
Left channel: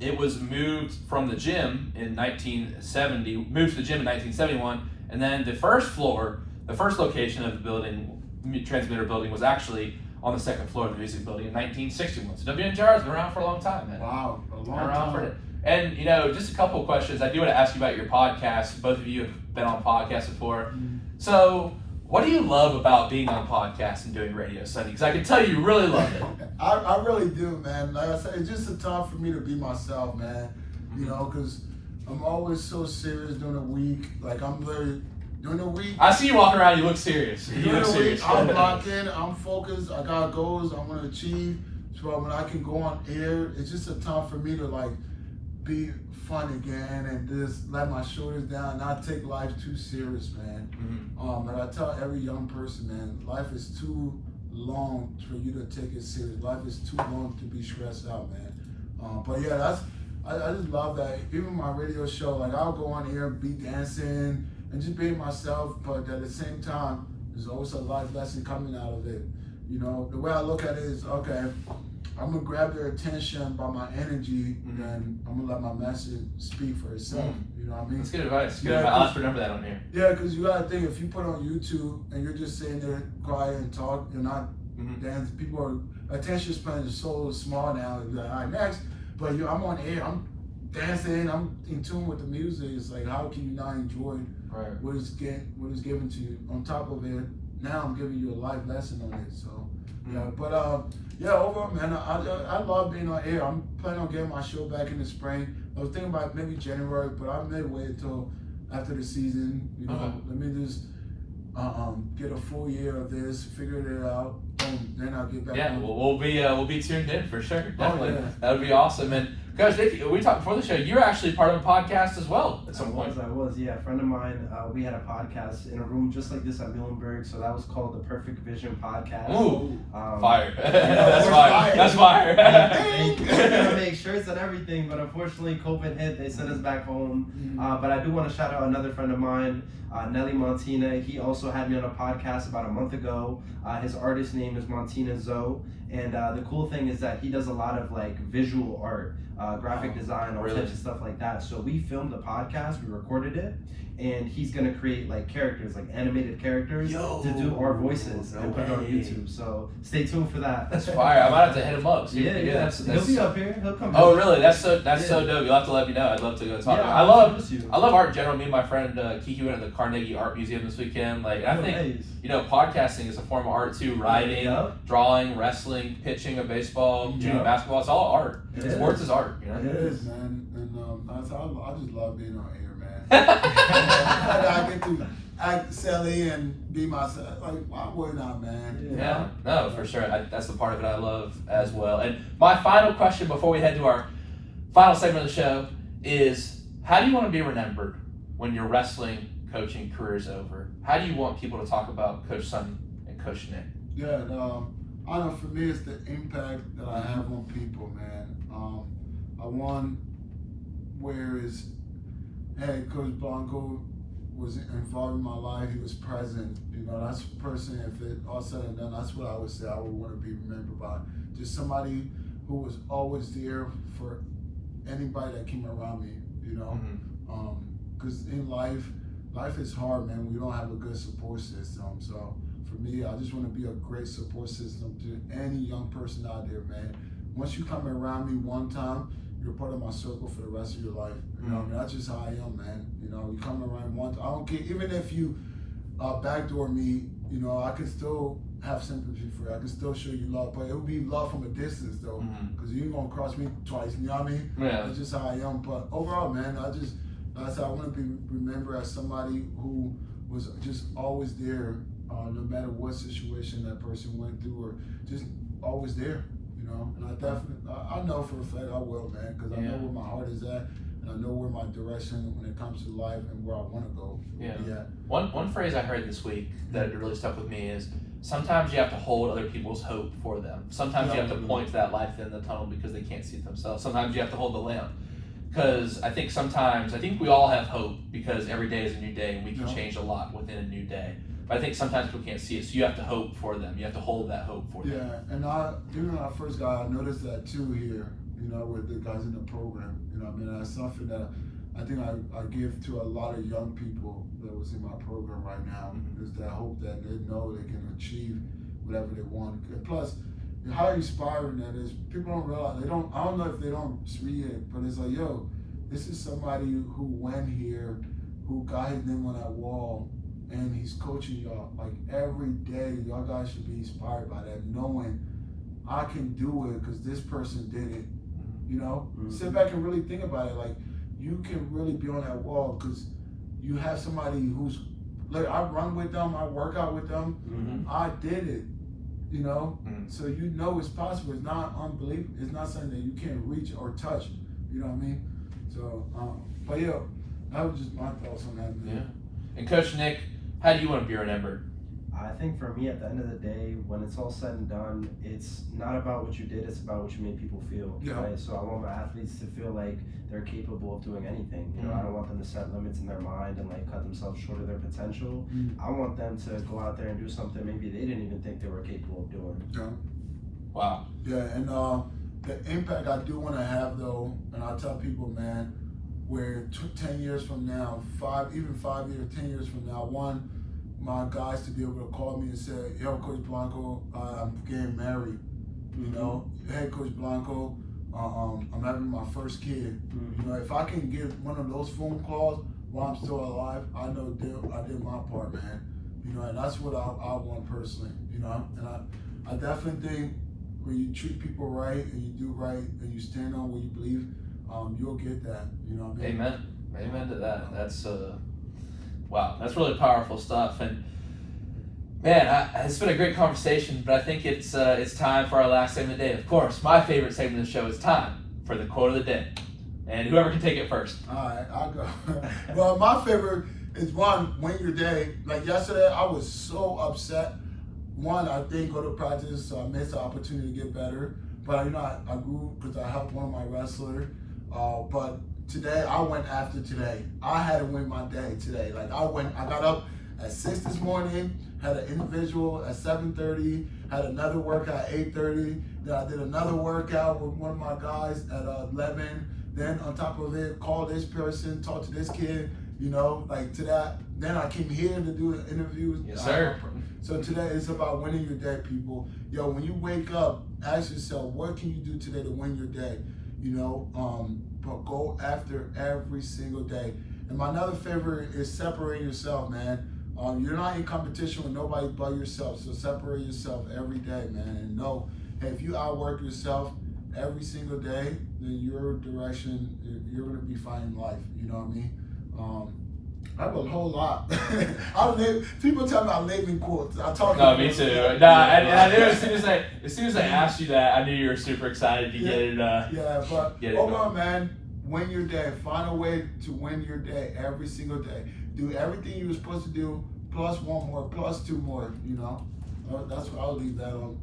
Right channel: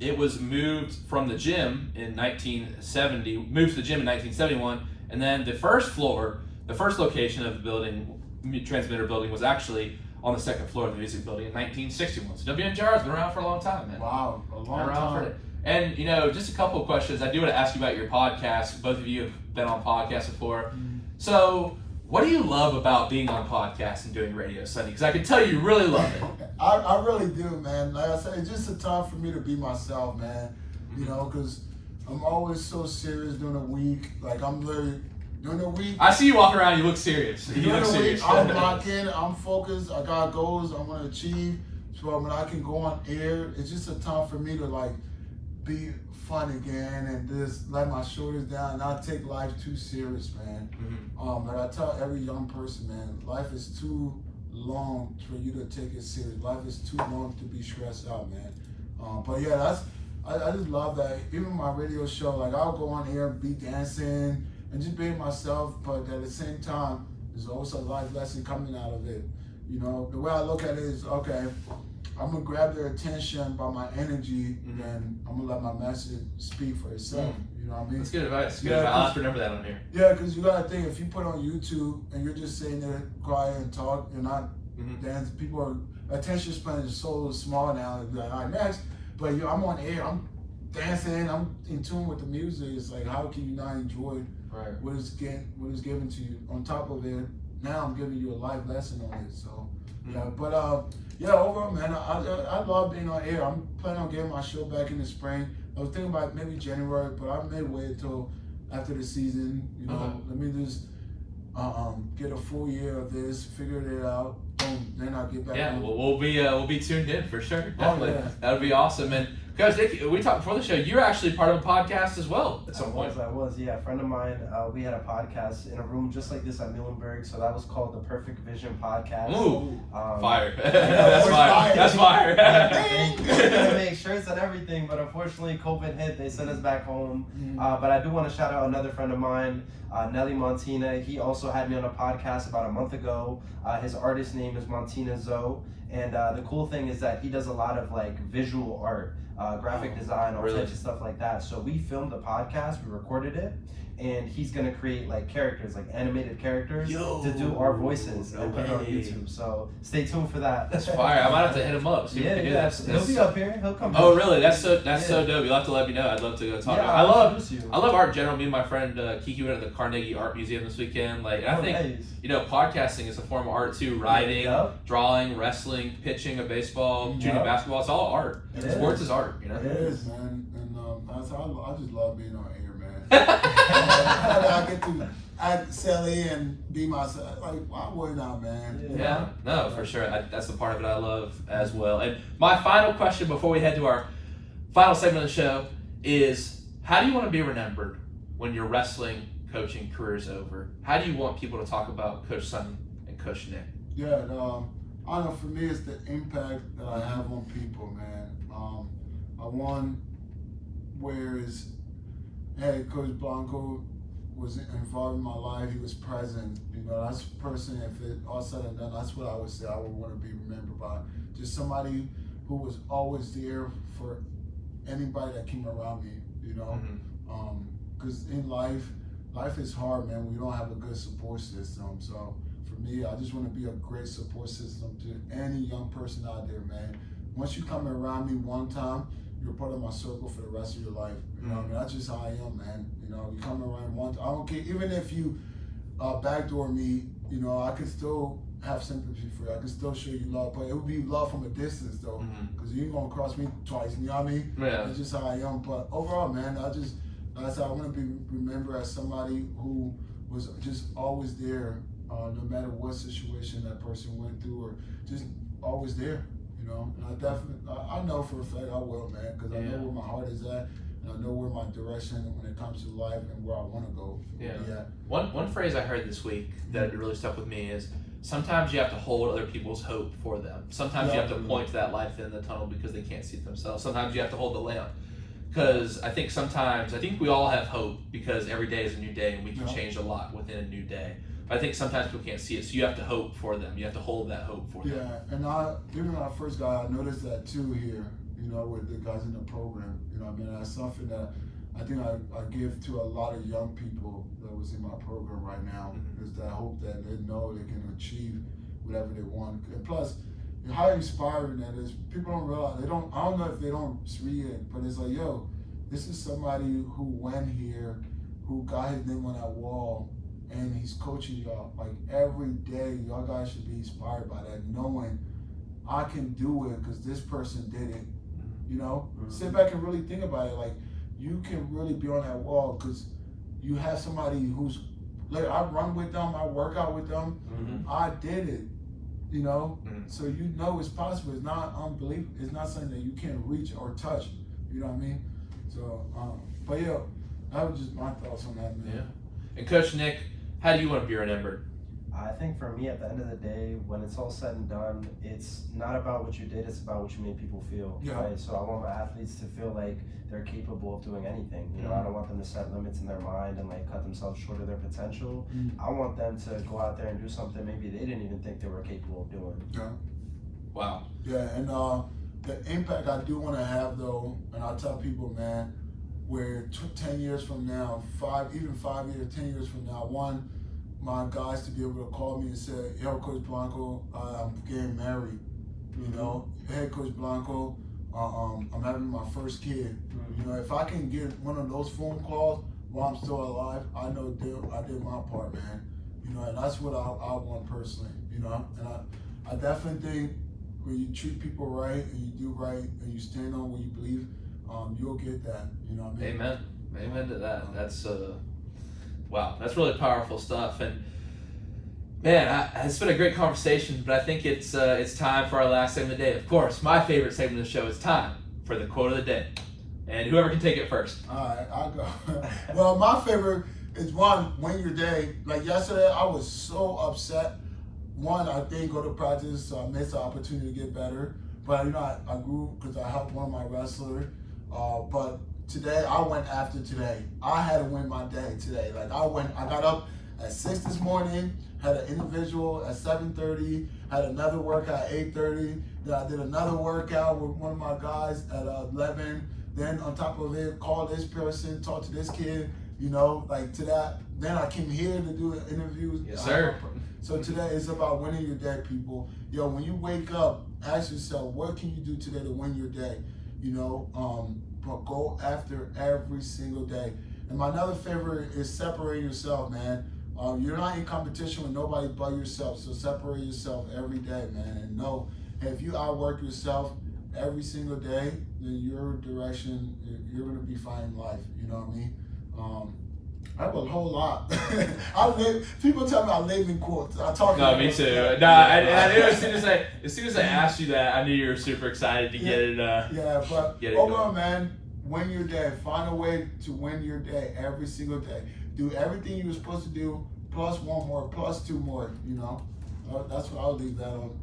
it was moved from the gym in 1970, moved to the gym in 1971, and then the first floor, the first location of the building, transmitter building, was actually on the second floor of the music building in 1961. So WNJR has been around for a long time, man. Wow, a long time. And, you know, just a couple of questions. I do want to ask you about your podcast. Both of you have been on podcasts before. So, what do you love about being on podcasts and doing radio, Sonny? Because I can tell you really love it. I really do, man. Like I said, it's just a time for me to be myself, man. You know, because I'm always so serious during the week. Like, I'm literally, during the week. I see you walking around, you look serious. You look serious. I'm locked in, I'm focused, I got goals I want to achieve. So when I can go on air, it's just a time for me to, like, be fun again and just let my shoulders down, not take life too serious, man. And I tell every young person, man, life is too long for you to take it serious. Life is too long to be stressed out, man. But yeah, I just love that. Even my radio show, like I'll go on air, be dancing and just being myself, but at the same time, there's also a life lesson coming out of it. You know, the way I look at it is, okay, I'm gonna grab their attention by my energy, and I'm gonna let my message speak for itself. You know what I mean? That's good advice. Good advice. I'll have to remember that on here. Yeah, because you gotta think, if you put on YouTube and you're just sitting there quiet and talk, you're not dancing. People are attention span is so small now. They're like, all right, next. But I'm on air. I'm dancing. I'm in tune with the music. It's like, how can you not enjoy what is given to you? On top of it, now I'm giving you a life lesson on it. So. Yeah, but overall, man, I love being on air. I'm planning on getting my show back in the spring. I was thinking about maybe January, but I may wait until after the season. You know, let me just get a full year of this, figure it out, and then I'll get back. Yeah, we'll be tuned in for sure. Definitely, that would be awesome. And Coach Nick, we talked before the show. You're actually part of a podcast as well at some point. I was, yeah. A friend of mine, we had a podcast in a room just like this at Muhlenberg, so that was called the Perfect Vision Podcast. Ooh, fire! That's fire! That's fire! They were gonna make shirts and everything, but unfortunately COVID hit. They sent us back home. But I do want to shout out another friend of mine, Nelly Montina. He also had me on a podcast about a month ago. His artist name is Montina Zoe, and the cool thing is that he does a lot of like visual art. Graphic design, all types of stuff like that. So we filmed the podcast, we recorded it, and he's gonna create like characters, like animated characters, to do our voices and put it on YouTube. So stay tuned for that. That's fire. I might have to hit him up. See what he do. He'll be up here. He'll come. Oh, really? That's so dope. You'll have to let me know. I'd love to go talk. I love art in general. Me and my friend Kiki went to the Carnegie Art Museum this weekend. Like, I think you know, podcasting is a form of art too. Writing, drawing, wrestling, pitching of baseball, junior basketball. It's all art. Sports is art. You know. It is, man. And I just love being on air, man. I get to act silly and be myself. Like, why wouldn't I, man? Yeah, no, for sure. That's the part of it I love as well. And my final question before we head to our final segment of the show is, how do you want to be remembered when you're wrestling coaching career is over, how do you want people to talk about Coach Sonny and Coach Nick? Yeah, I know for me it's the impact that I have on people, man. I won whereas Coach Blanco was involved in my life. He was present. You know, that's a person, if it all said and done, that's what I would say I would want to be remembered by. Just somebody who was always there for anybody that came around me, you know. Because in life is hard, man. We don't have a good support system. So for me, I just want to be a great support system to any young person out there, man. Once you come around me one time, you're part of my circle for the rest of your life. You know, I mean, that's just how I am, man. You know, you come around one time, I don't care, even if you backdoor me, you know, I can still have sympathy for you. I can still show you love, but it would be love from a distance, though, because you ain't gonna cross me twice. You know what I mean? Yeah. It's just how I am. But overall, man, I want to be remembered as somebody who was just always there, no matter what situation that person went through, or just always there. You know, and I know for a fact I will, man, because I know where my heart is at, and I know where my direction when it comes to life and where I want to go. Yeah. One phrase I heard this week that really stuck with me is sometimes you have to hold other people's hope for them. Sometimes you have to point to that light in the tunnel because they can't see it themselves. Sometimes you have to hold the lamp. Because I think we all have hope because every day is a new day and we can change a lot within a new day. But I think sometimes people can't see it, so you have to hope for them. You have to hold that hope for them. Yeah, and even when I first got, I noticed that too here, you know, with the guys in the program. You know, I mean, that's something that I think I give to a lot of young people that was in my program right now, is that hope that they know they can achieve whatever they want. And plus, how inspiring that is. People don't realize, I don't know if they don't read it, but it's like, yo, this is somebody who went here, who got his name on that wall, and he's coaching y'all. Like every day, y'all guys should be inspired by that, knowing I can do it because this person did it. You know, sit back and really think about it. Like you can really be on that wall because you have somebody who's like, I run with them, I work out with them, I did it. You know, so you know it's possible. It's not unbelievable. It's not something that you can't reach or touch. You know what I mean? So, but yeah, that was just my thoughts on that, man. Yeah. And Coach Nick, how do you want to be remembered? I think for me, at the end of the day, when it's all said and done, it's not about what you did, it's about what you made people feel. Yeah. Right? So I want my athletes to feel like they're capable of doing anything. You know, I don't want them to set limits in their mind and like cut themselves short of their potential. I want them to go out there and do something maybe they didn't even think they were capable of doing. Yeah. Wow. Yeah, and the impact I do want to have though, and I tell people, man, where 10 years from now, 5 years, 10 years from now, I want my guys to be able to call me and say, yo, Coach Blanco, I'm getting married. You know, hey, Coach Blanco, I'm having my first kid. You know, if I can get one of those phone calls while I'm still alive, I know I did my part, man. You know, and that's what I want personally. You know, and I definitely think when you treat people right and you do right and you stand on what you believe, you'll get that. You know what I mean? Amen to that. That's wow. That's really powerful stuff. And man, it's been a great conversation. But I think it's time for our last segment of the day. Of course, my favorite segment of the show is time for the quote of the day. And whoever can take it first. All right, I'll go. Well, my favorite is one, win your day. Like yesterday, I was so upset. One, I didn't go to practice, so I missed the opportunity to get better. But you know, I grew because I helped one of my wrestlers. But today, I went after today. I had to win my day today. Like I got up at 6 this morning, had an individual at 7:30, had another workout at 8:30. Then I did another workout with one of my guys at 11. Then on top of it, call this person, talk to this kid, you know, like to that. Then I came here to do an interview. Yes, sir. So today it's about winning your day, people. Yo, when you wake up, ask yourself, what can you do today to win your day? You know, but go after every single day. And my another favorite is separate yourself, man. You're not in competition with nobody but yourself. So separate yourself every day, man. And know, if you outwork yourself every single day, then your direction, you're going to be fighting life. You know what I mean? I have a whole lot. People tell me I'm naming quotes. I talk. No, me too. No, I knew as soon as I asked you that, I knew you were super excited to get it. Yeah, but overall, man, win your day. Find a way to win your day every single day. Do everything you were supposed to do, plus one more, plus two more, you know. That's what I'll leave that on.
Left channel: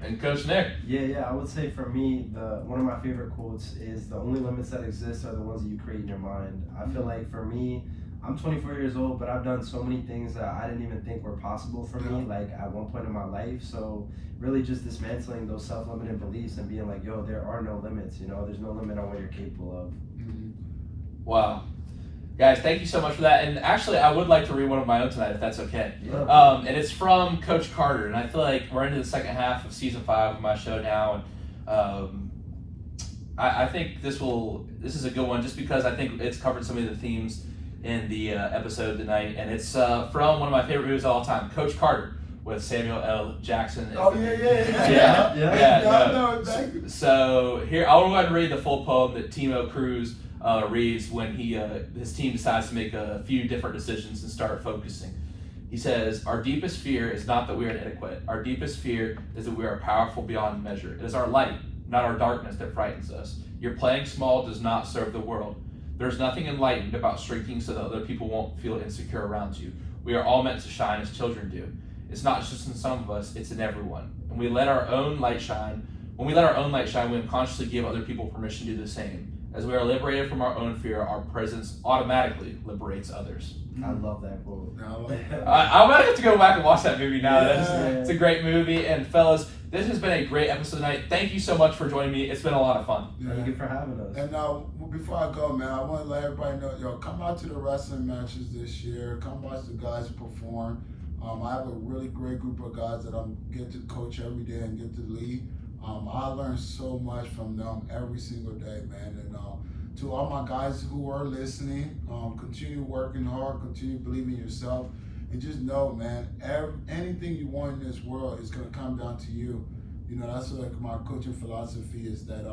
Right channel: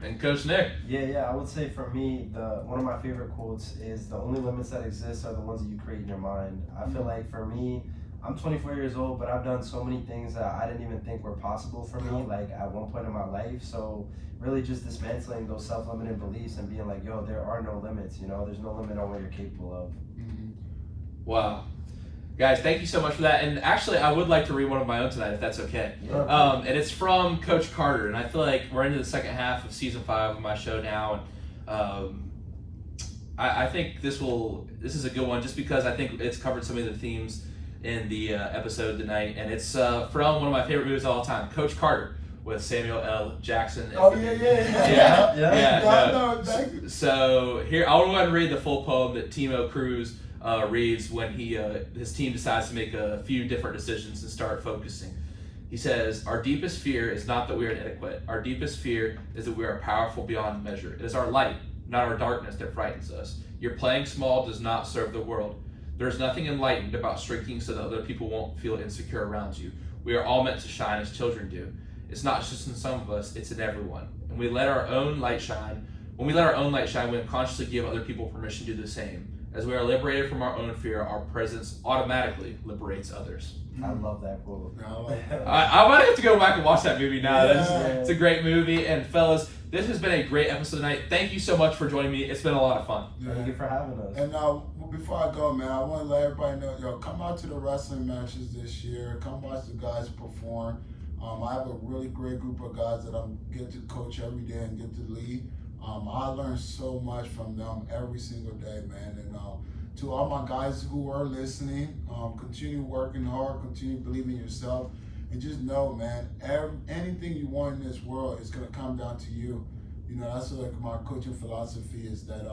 And Coach Nick? Yeah, I would say for me, one of my favorite quotes is the only limits that exist are the ones that you create in your mind. I feel like for me, I'm 24 years old, but I've done so many things that I didn't even think were possible for me, like at one point in my life. So really just dismantling those self-limiting beliefs and being like, yo, there are no limits, you know, there's no limit on what you're capable of. Wow. Guys, thank you so much for that. And actually, I would like to read one of my own tonight, if that's okay. Yeah. And it's from Coach Carter. And I feel like we're into the second half of season 5 of my show now. And I think this is a good one, just because I think it's covered some of the themes in the episode tonight. And it's from one of my favorite movies of all time, Coach Carter, with Samuel L. Jackson. Oh, yeah. So here, I'll go ahead and read the full poem that Timo Cruz reads when his team decides to make a few different decisions and start focusing. He says, "Our deepest fear is not that we are inadequate. Our deepest fear is that we are powerful beyond measure. It is our light, not our darkness, that frightens us. Your playing small does not serve the world. There is nothing enlightened about shrinking so that other people won't feel insecure around you. We are all meant to shine as children do. It's not just in some of us, it's in everyone. And we let our own light shine. When we let our own light shine, we unconsciously give other people permission to do the same. As we are liberated from our own fear, our presence automatically liberates others." I love that quote. I'm gonna have to go back and watch that movie now. It's a great movie. And fellas, this has been a great episode tonight. Thank you so much for joining me. It's been a lot of fun. Thank you for having us. And before I go, man, I want to let everybody know, come out to the wrestling matches this year. Come watch the guys perform. I have a really great group of guys that I get to coach every day and get to lead. I learn so much from them every single day, man. And to all my guys who are listening, continue working hard, continue believing in yourself, and just know, man, anything you want in this world is gonna come down to you. You know, that's like my coaching philosophy is that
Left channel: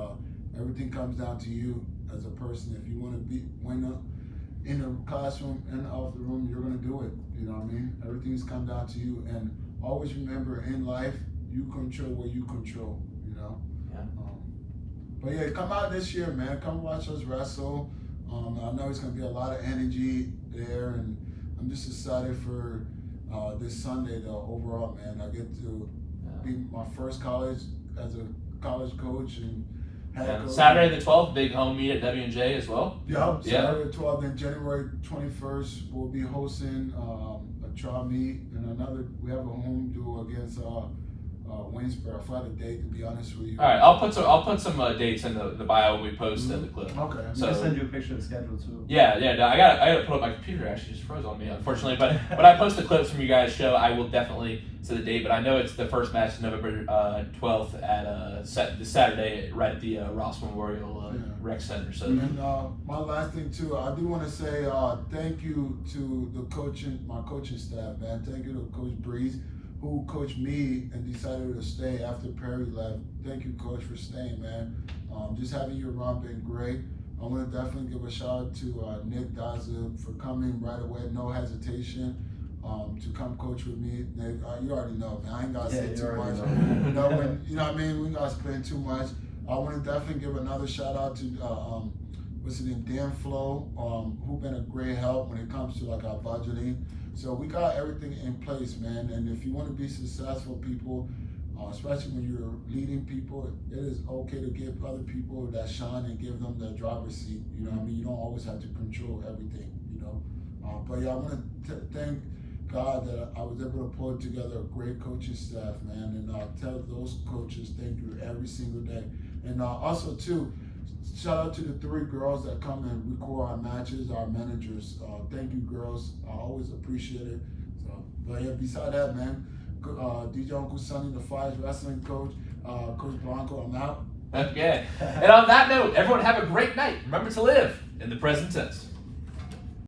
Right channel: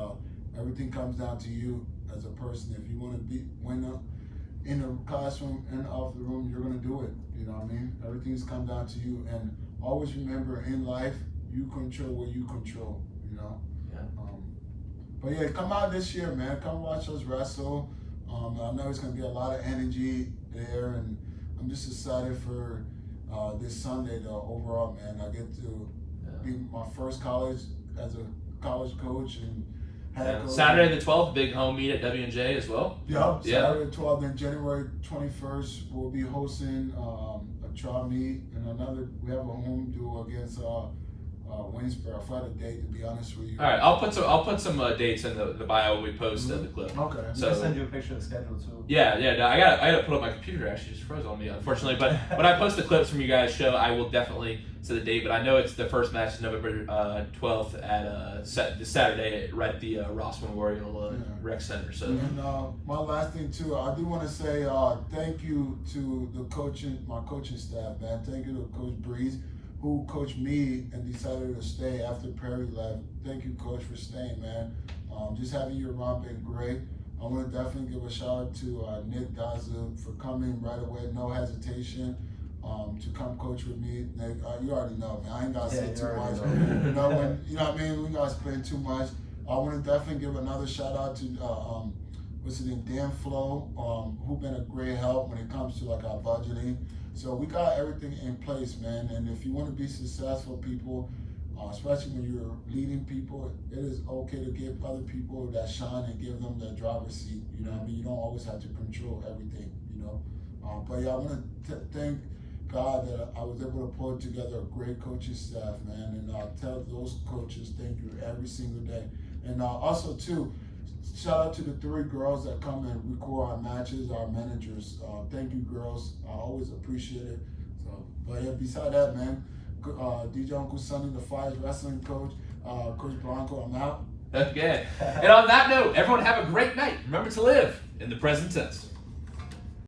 everything comes down to you as a person. If you want to win in the classroom and off the room, you're gonna do it. You know what I mean? Everything's come down to you, and always remember, in life, you control what you control. You know. Yeah. But yeah, come out this year, man. Come watch us wrestle. I know it's gonna be a lot of energy there, and I'm just excited for this Sunday, though. Overall, man, I get to be my first college as a college coach and. Saturday the 12th, big home meet at W&J as well. Yeah, Saturday the 12th, and January 21st, we'll be hosting a trial meet, and we have a home duel against Winsboro. I forgot the date, to be honest with you. All right, I'll put some dates in the bio we post in the clip. Okay. So I'll send you a picture of the schedule too. Yeah. No, I gotta put up my computer. Actually, just froze on me, unfortunately. But when I post the clips from you guys' show, I will definitely say the date. But I know it's the first match is November 12th at this Saturday, right at the Ross Memorial Rec Center. So. And my last thing too, I do want to say thank you to my coaching staff, man. Thank you to Coach Breeze, who coached me and decided to stay after Perry left. Thank you, Coach, for staying, man. Just having you around been great. I want to definitely give a shout out to Nick Daza for coming right away, no hesitation, to come coach with me. Nick, you already know, man. I ain't got to say too much. You know what I mean? We got to spend too much. I want to definitely give another shout out to Dan Flo, who been a great help when it comes to like our budgeting. So we got everything in place, man. And if you want to be successful, people, especially when you're leading people, it is okay to give other people that shine and give them the driver's seat. You know what I mean? You don't always have to control everything, you know. But yeah, I want to thank God that I was able to pull together a great coaching staff, man. And tell those coaches thank you every single day. And also, too, shout out to the 3 girls that come and record our matches, our managers. Thank you, girls. I always appreciate it. But yeah, beside that, man, DJ Uncle Sonny, the Fire Wrestling coach, Coach Blanco, I'm out. Okay. And on that note, everyone have a great night. Remember to live in the present tense.